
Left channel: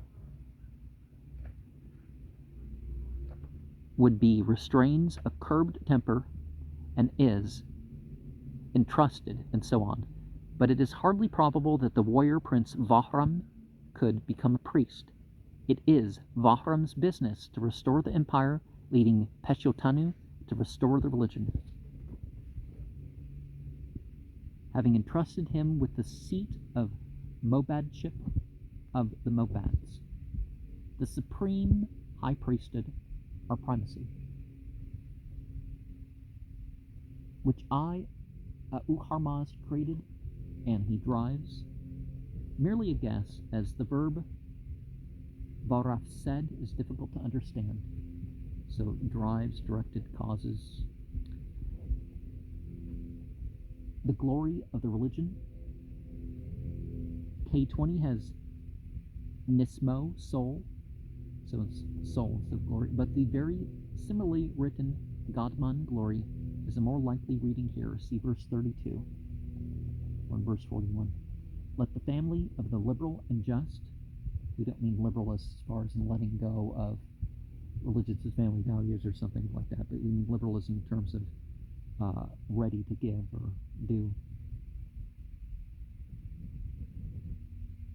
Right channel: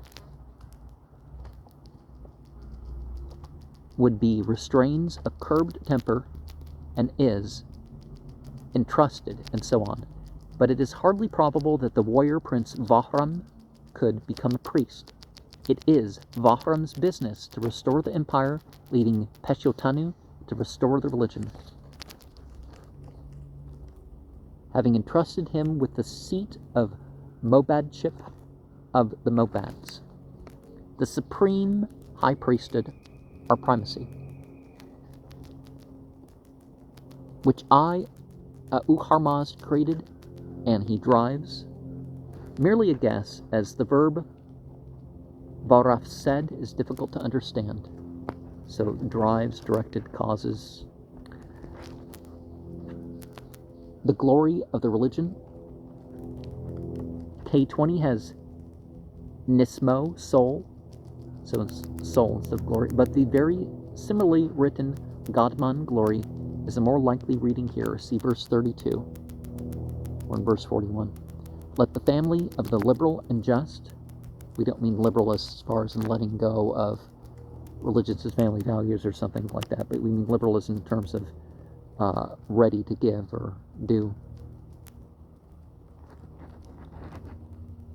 would be restrains a curbed temper and is entrusted, and so on. But it is hardly probable that the warrior prince Vahram could become a priest. It is Vahram's business to restore the empire, leading Peshotanu to restore the religion. Having entrusted him with the seat of Mobadship of the Mobads, the supreme high priesthood or primacy, which I, Uharmaz, created, and he drives. Merely a guess, as the verb Varaf said is difficult to understand. So drives, directed, causes. The glory of the religion. K20 has Nismo, soul, so it's soul instead of glory, but the very similarly written Godman, glory, is a more likely reading here. See verse 32 or in verse 41. Let the family of the liberal and just, we don't mean liberalists as far as in letting go of religious as family values or something like that, but we mean liberalism in terms of ready to give or do.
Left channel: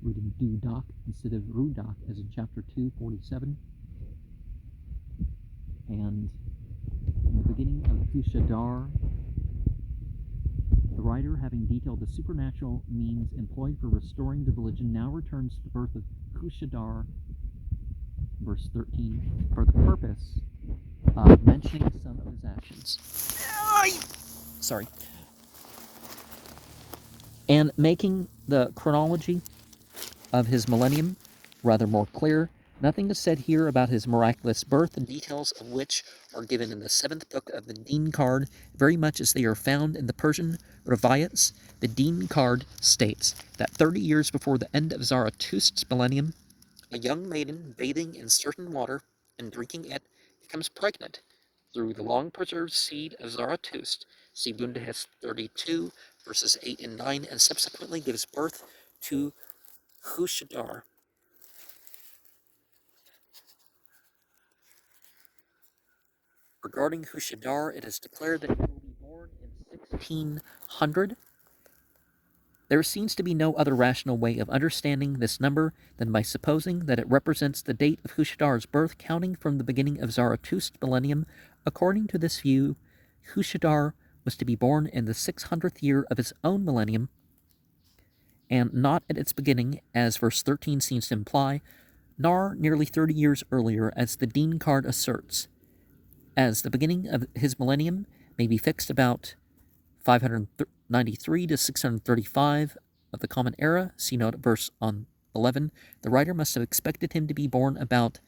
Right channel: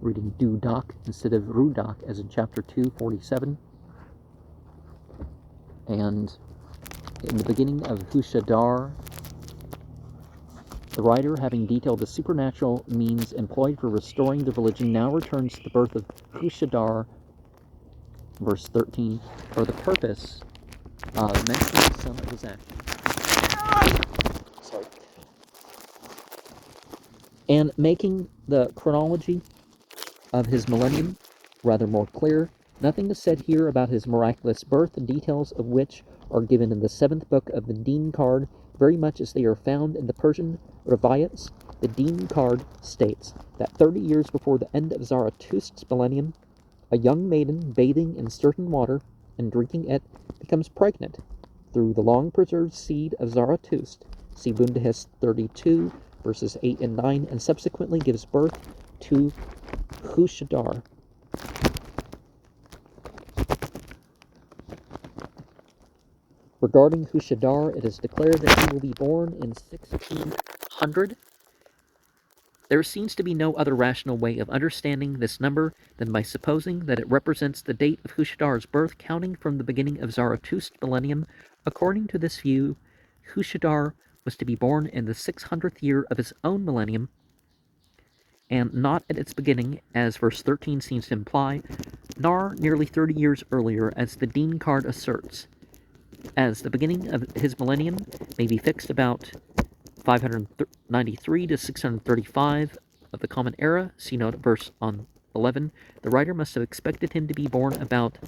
Reading Dudak instead of Rudak, as in chapter 2, 47. And in the beginning of Hushadar, the writer, having detailed the supernatural means employed for restoring the religion, now returns to the birth of Hushadar, verse 13, for the purpose of mentioning some of his actions. Sorry. And making the chronology of his millennium rather more clear. Nothing is said here about his miraculous birth, the details of which are given in the 7th book of the Deen card, very much as they are found in the Persian Rivayats. The Deen card states that 30 years before the end of Zarathustra's millennium, a young maiden bathing in certain water and drinking it becomes pregnant through the long-preserved seed of Zarathustra. See Bundehes 32, verses 8 and 9, and subsequently gives birth to Hushadar. Regarding Hushadar, it is declared that he will be born in 1600. There seems to be no other rational way of understanding this number than by supposing that it represents the date of Hushadar's birth, counting from the beginning of Zarathustra's millennium. According to this view, Hushadar was to be born in the 600th year of his own millennium, and not at its beginning, as verse 13 seems to imply, nor nearly 30 years earlier, as the Dean card asserts, as the beginning of his millennium may be fixed about 593 to 635 of the Common Era. See note verse on 11. The writer must have expected him to be born about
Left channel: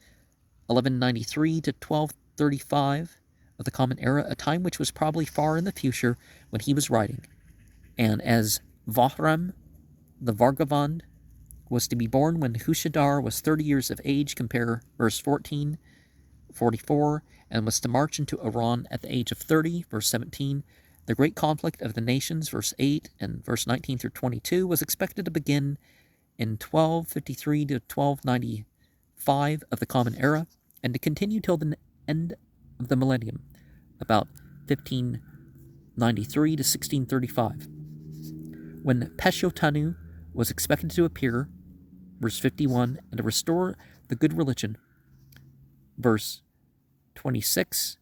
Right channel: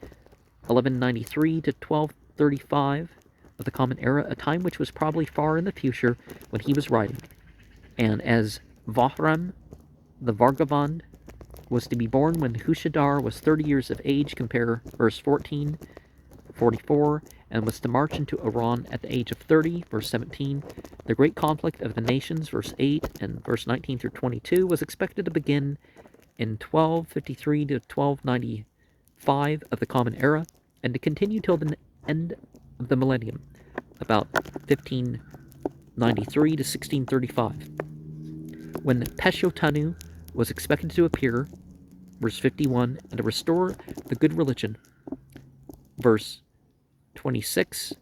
1193 to 1235 of the Common Era, a time which was probably far in the future when he was writing. And as Vahram, the Vargavand, was to be born when Hushadar was 30 years of age, compare verse 14, 44, and was to march into Iran at the age of 30, verse 17. The great conflict of the nations, verse 8, and verse 19 through 22, was expected to begin in 1253 to 1295 of the Common Era, and to continue till the end of the millennium, about 1593 to 1635, when Peshotanu was expected to appear, verse 51, and to restore the good religion, verse 26,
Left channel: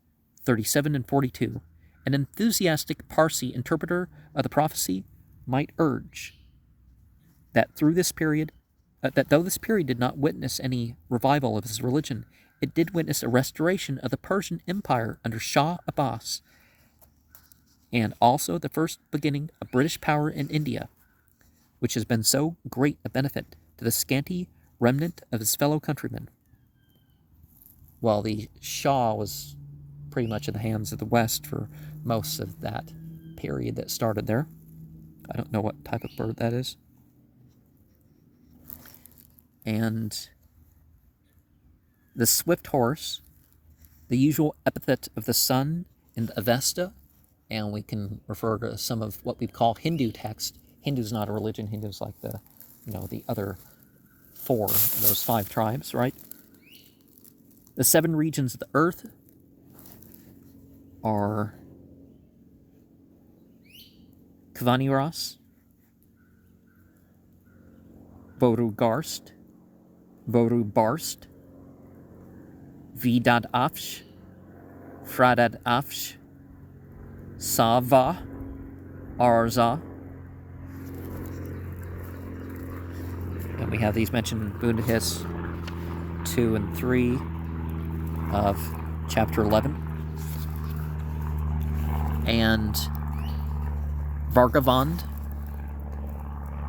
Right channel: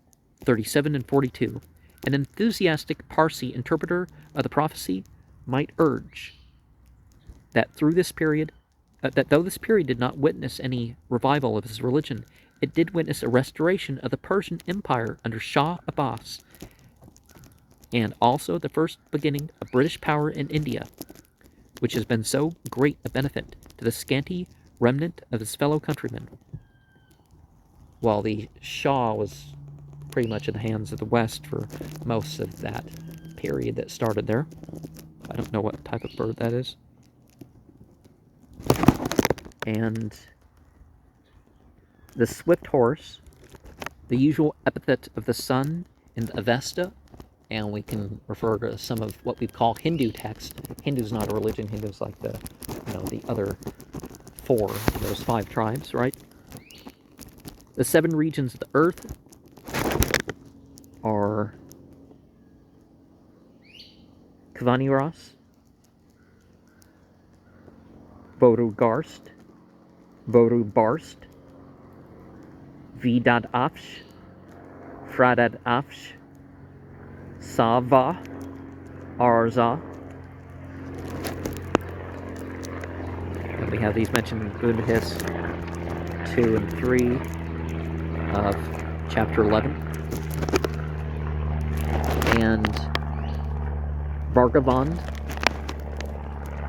37, and 42. An enthusiastic Parsi interpreter of the prophecy might urge that though this period did not witness any revival of his religion, it did witness a restoration of the Persian Empire under Shah Abbas, and also the first beginning of British power in India, which has been so great a benefit to the scanty remnant of his fellow countrymen. While the Shah was pretty much in the hands of the West for most of that period that started there. I don't know what type of bird that is. And the swift horse, the usual epithet of the sun in the Avesta, and we can refer to some of what we call Hindu text. Hindu's not a religion. Hindu's like the other four of those five tribes, right? The seven regions of the earth are Kvaniras, Vorugarst, Vorubarst, Vidad-Afsh, Fradad-Afsh, Sava, Arza, and we have these mentioned in Bundahis 2 and 3 of chapter 11. And Vargavand.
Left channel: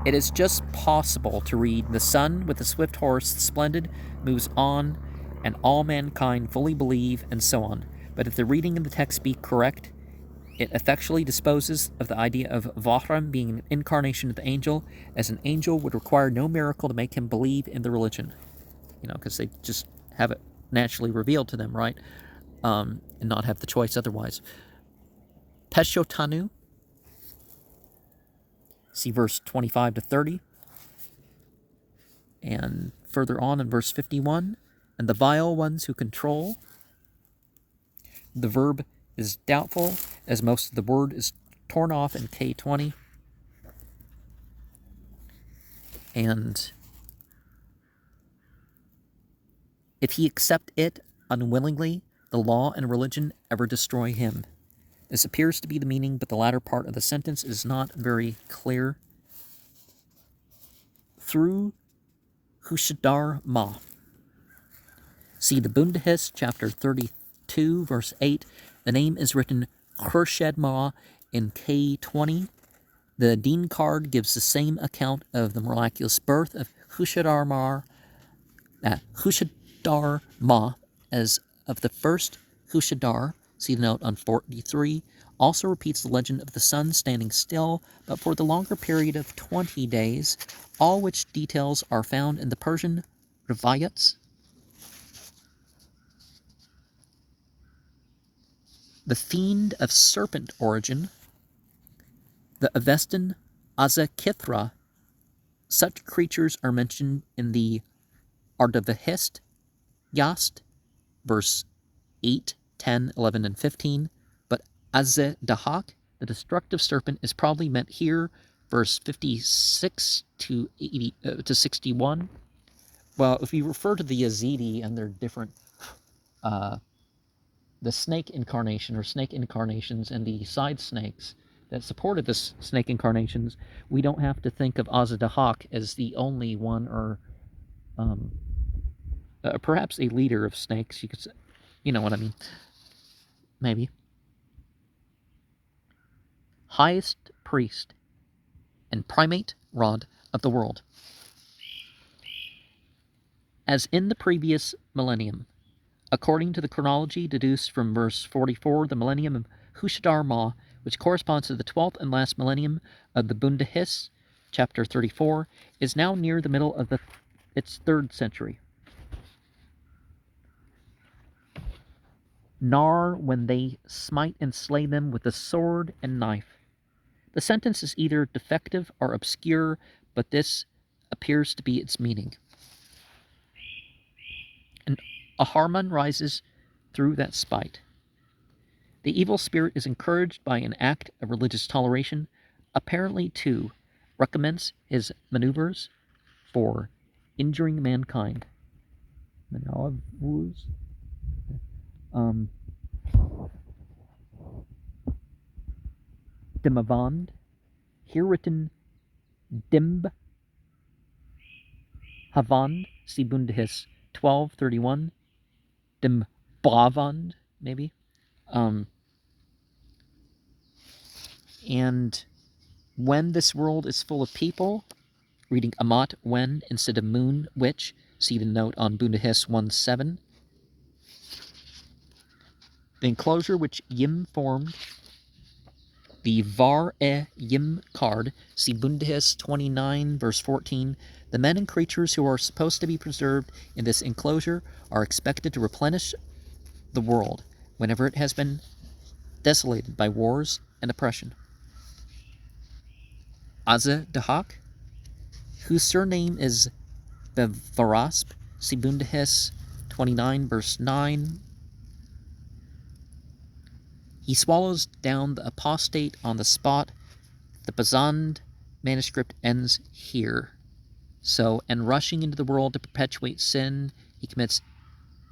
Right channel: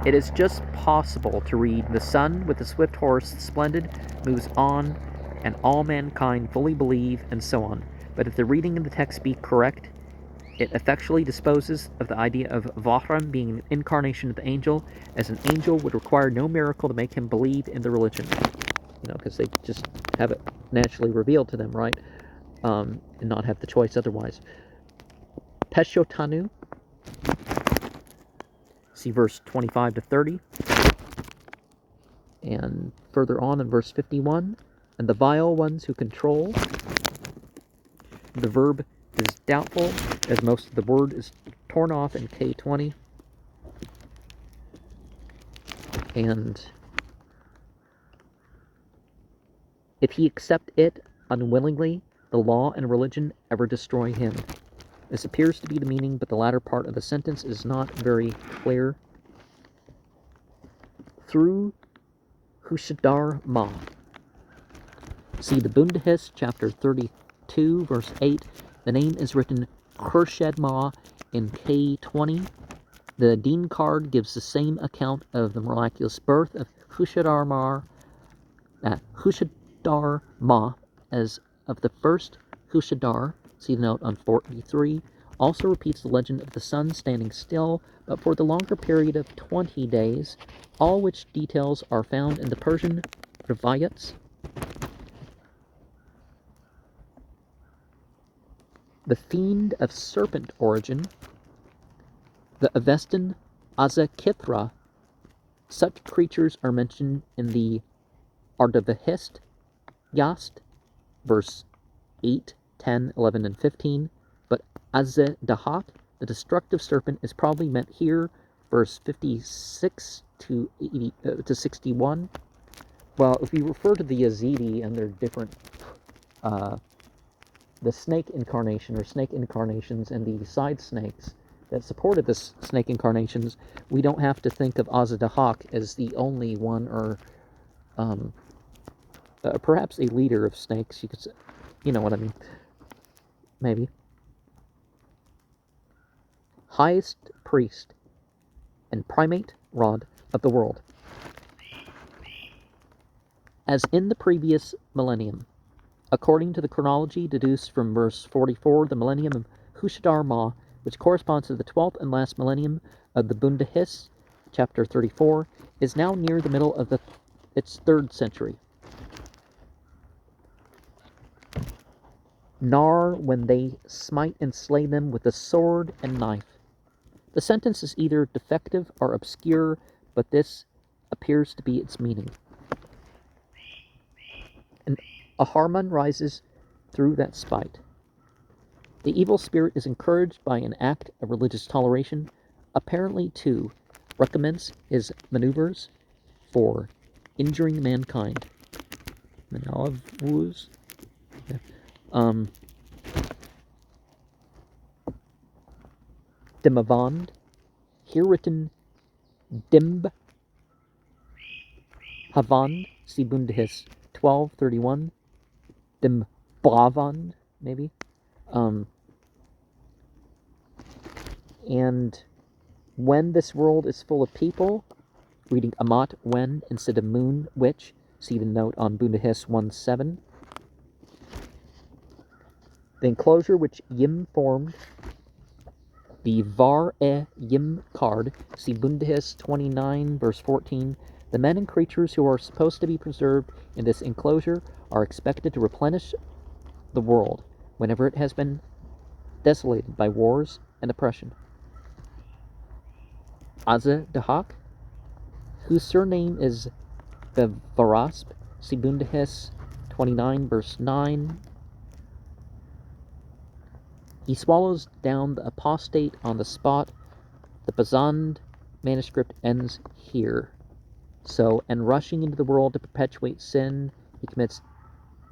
It is just possible to read, the sun with the swift horse, splendid, moves on, and all mankind fully believe, and so on. But if the reading of the text be correct, it effectually disposes of the idea of Vahram being an incarnation of the angel, as an angel would require no miracle to make him believe in the religion. Because they just have it naturally revealed to them, right? And not have the choice otherwise. Peshotanu, see verse 25 to 30, and further on in verse 51, and the vile ones who control. The verb is doubtful, as most of the word is torn off in K20, and if he accept it unwillingly, the law and religion ever destroy him. This appears to be the meaning, but the latter part of the sentence is not very clear. Through Hushadar Ma. See the Bundahis, chapter 32, verse 8. The name is written Khurshid Ma in K20. The Dean card gives the same account of the miraculous birth of Hushadar Ma as of the first Hushadar. See the note on 43. Also repeats the legend of the sun standing still, but for the longer period of 20 days, all which details are found in the Persian Rivayats. The fiend of serpent origin, the Avestan Azakithra. Such creatures are mentioned in the Ardavahist Yast, verse 8 10, 11, and 15. But Azeh Dahak, the destructive serpent, is probably meant here, verse 56 to 61. Well, if you refer to the Yazidi and their different, the snake incarnation or snake incarnations and the side snakes that supported the snake incarnations, we don't have to think of Azeh Dahak as the only one, or perhaps a leader of snakes. You could say, you know what I mean? Maybe. Highest priest and primate rod of the world. As in the previous millennium, according to the chronology deduced from verse 44, the millennium of Hushadar Ma, which corresponds to the 12th and last millennium of the Bundahis, chapter 34, is now near the middle of its 3rd century. Nar, when they smite and slay them with the sword and knife. The sentence is either defective or obscure, but this appears to be its meaning. And a Harman rises through that spite. The evil spirit is encouraged by an act of religious toleration, apparently to recommence his maneuvers for injuring mankind. Manavuz. Dimavand, here written Dimb Havand, see Bundahis 12:31, Dimbavand, maybe. And when this world is full of people, reading Amat when instead of moon, which, see the note on Bundahis 1:7. The enclosure which Yim formed, the Var-e-Yim card, see Bundahis 29, verse 14. The men and creatures who are supposed to be preserved in this enclosure are expected to replenish the world whenever it has been desolated by wars and oppression. Azeh Dahak, whose surname is Bevarasp, see Bundahis 29, verse 9. He swallows down the apostate on the spot. The Bazand manuscript ends here. So, and rushing into the world to perpetuate sin, he commits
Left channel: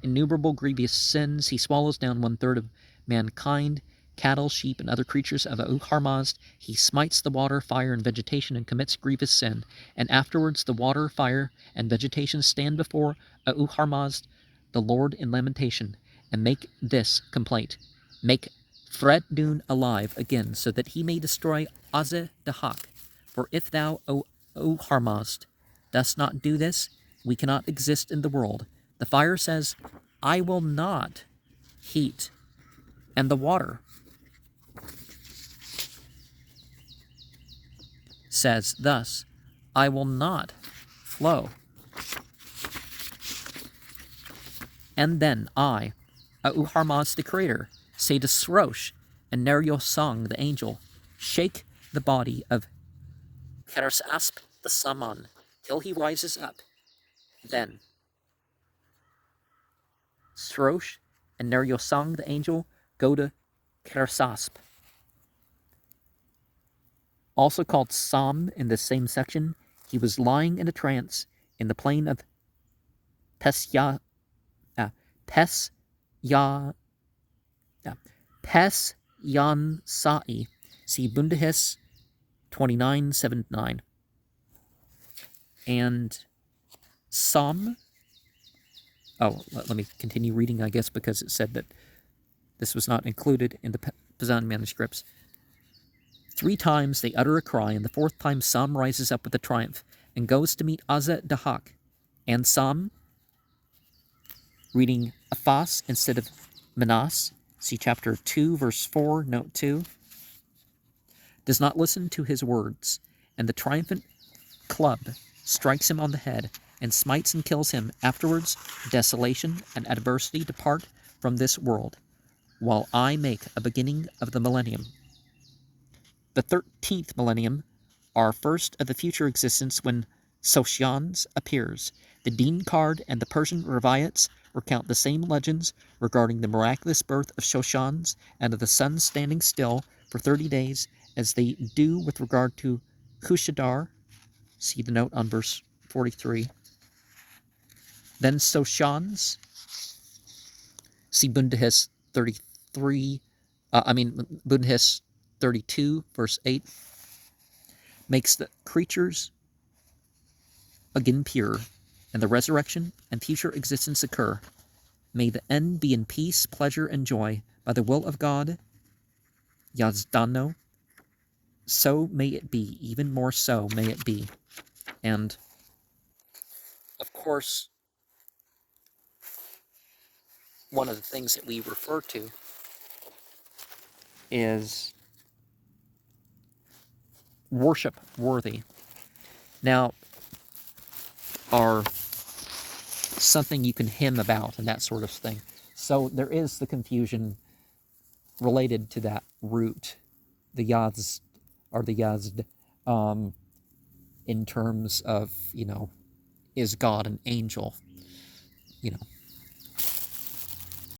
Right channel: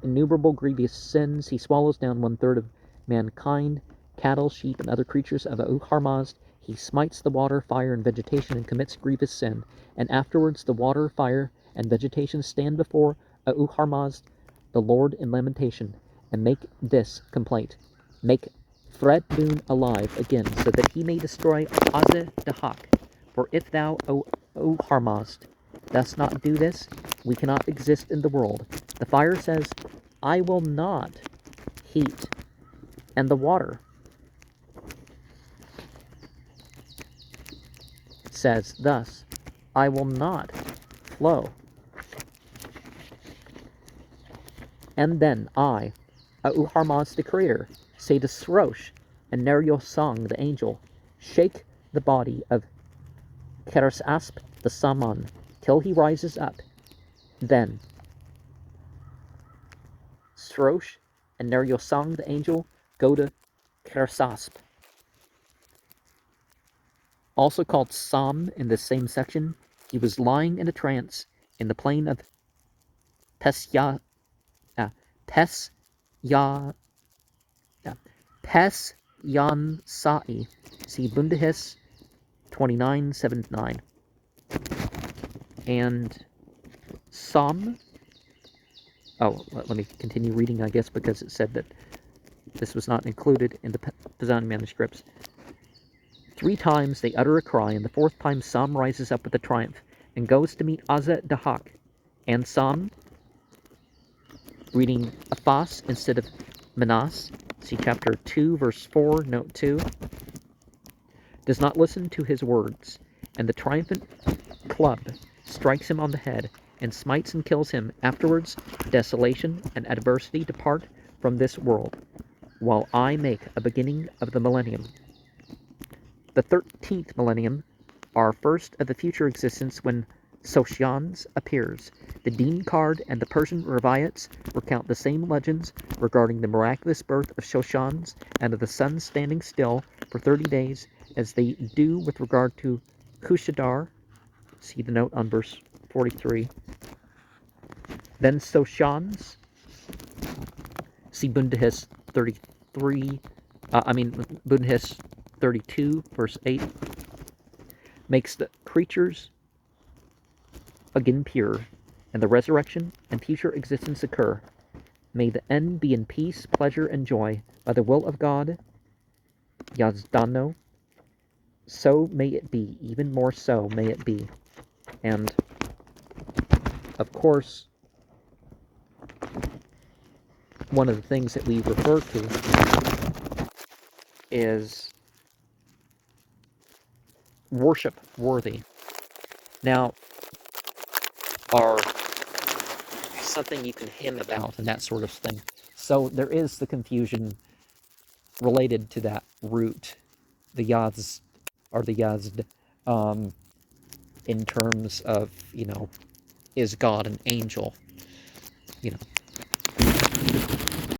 innumerable grievous sins. He swallows down 1/3 of mankind, cattle, sheep, and other creatures of Auharmazd. He smites the water, fire, and vegetation and commits grievous sin. And afterwards the water, fire, and vegetation stand before Auharmazd, the Lord, in lamentation, and make this complaint. Make Threddun alive again, so that he may destroy Azeh Dahak. For if thou, O Harmazd, dost not do this, we cannot exist in the world. The fire says, I will not heat, and the water says thus, I will not flow. And then I, Auharmazd the Creator, say to Srosh and Neryosang the angel, shake the body of Keresasp the Saman till he rises up. Then Srosh and Neryosang the angel go to Keresasp, also called Sam in this same section. He was lying in a trance in the plain of Pesyansai, see Bundahis 29:7-9. And Sam, let me continue reading, I guess, because it said that this was not included in the Pazan manuscripts. 3 times they utter a cry, and the 4th time Sam rises up with a triumph and goes to meet Azeh Dahak. And Sam, reading Aphas instead of Manas, see chapter 2, verse 4, note 2, does not listen to his words, and the triumphant club strikes him on the head and smites and kills him. Afterwards, desolation and adversity depart from this world, while I make a beginning of the millennium. The 13th millennium, our first of the future existence, when Soshans appears. The Dean card and the Persian Rivayats recount the same legends regarding the miraculous birth of Shoshans and of the sun standing still for 30 days as they do with regard to Hushadar. See the note on verse 43. Then Soshans, see Bundahis 33, Bundahis 32, verse 8, makes the creatures again pure, and the resurrection and future existence occur. May the end be in peace, pleasure, and joy, by the will of God, Yazdano. So may it be, even more so may it be. And, of course, one of the things that we refer to is worship worthy. Now, are something you can hymn about and that sort of thing. So there is the confusion related to that root, the Yazd, or the Yazd, in terms of, is God an angel?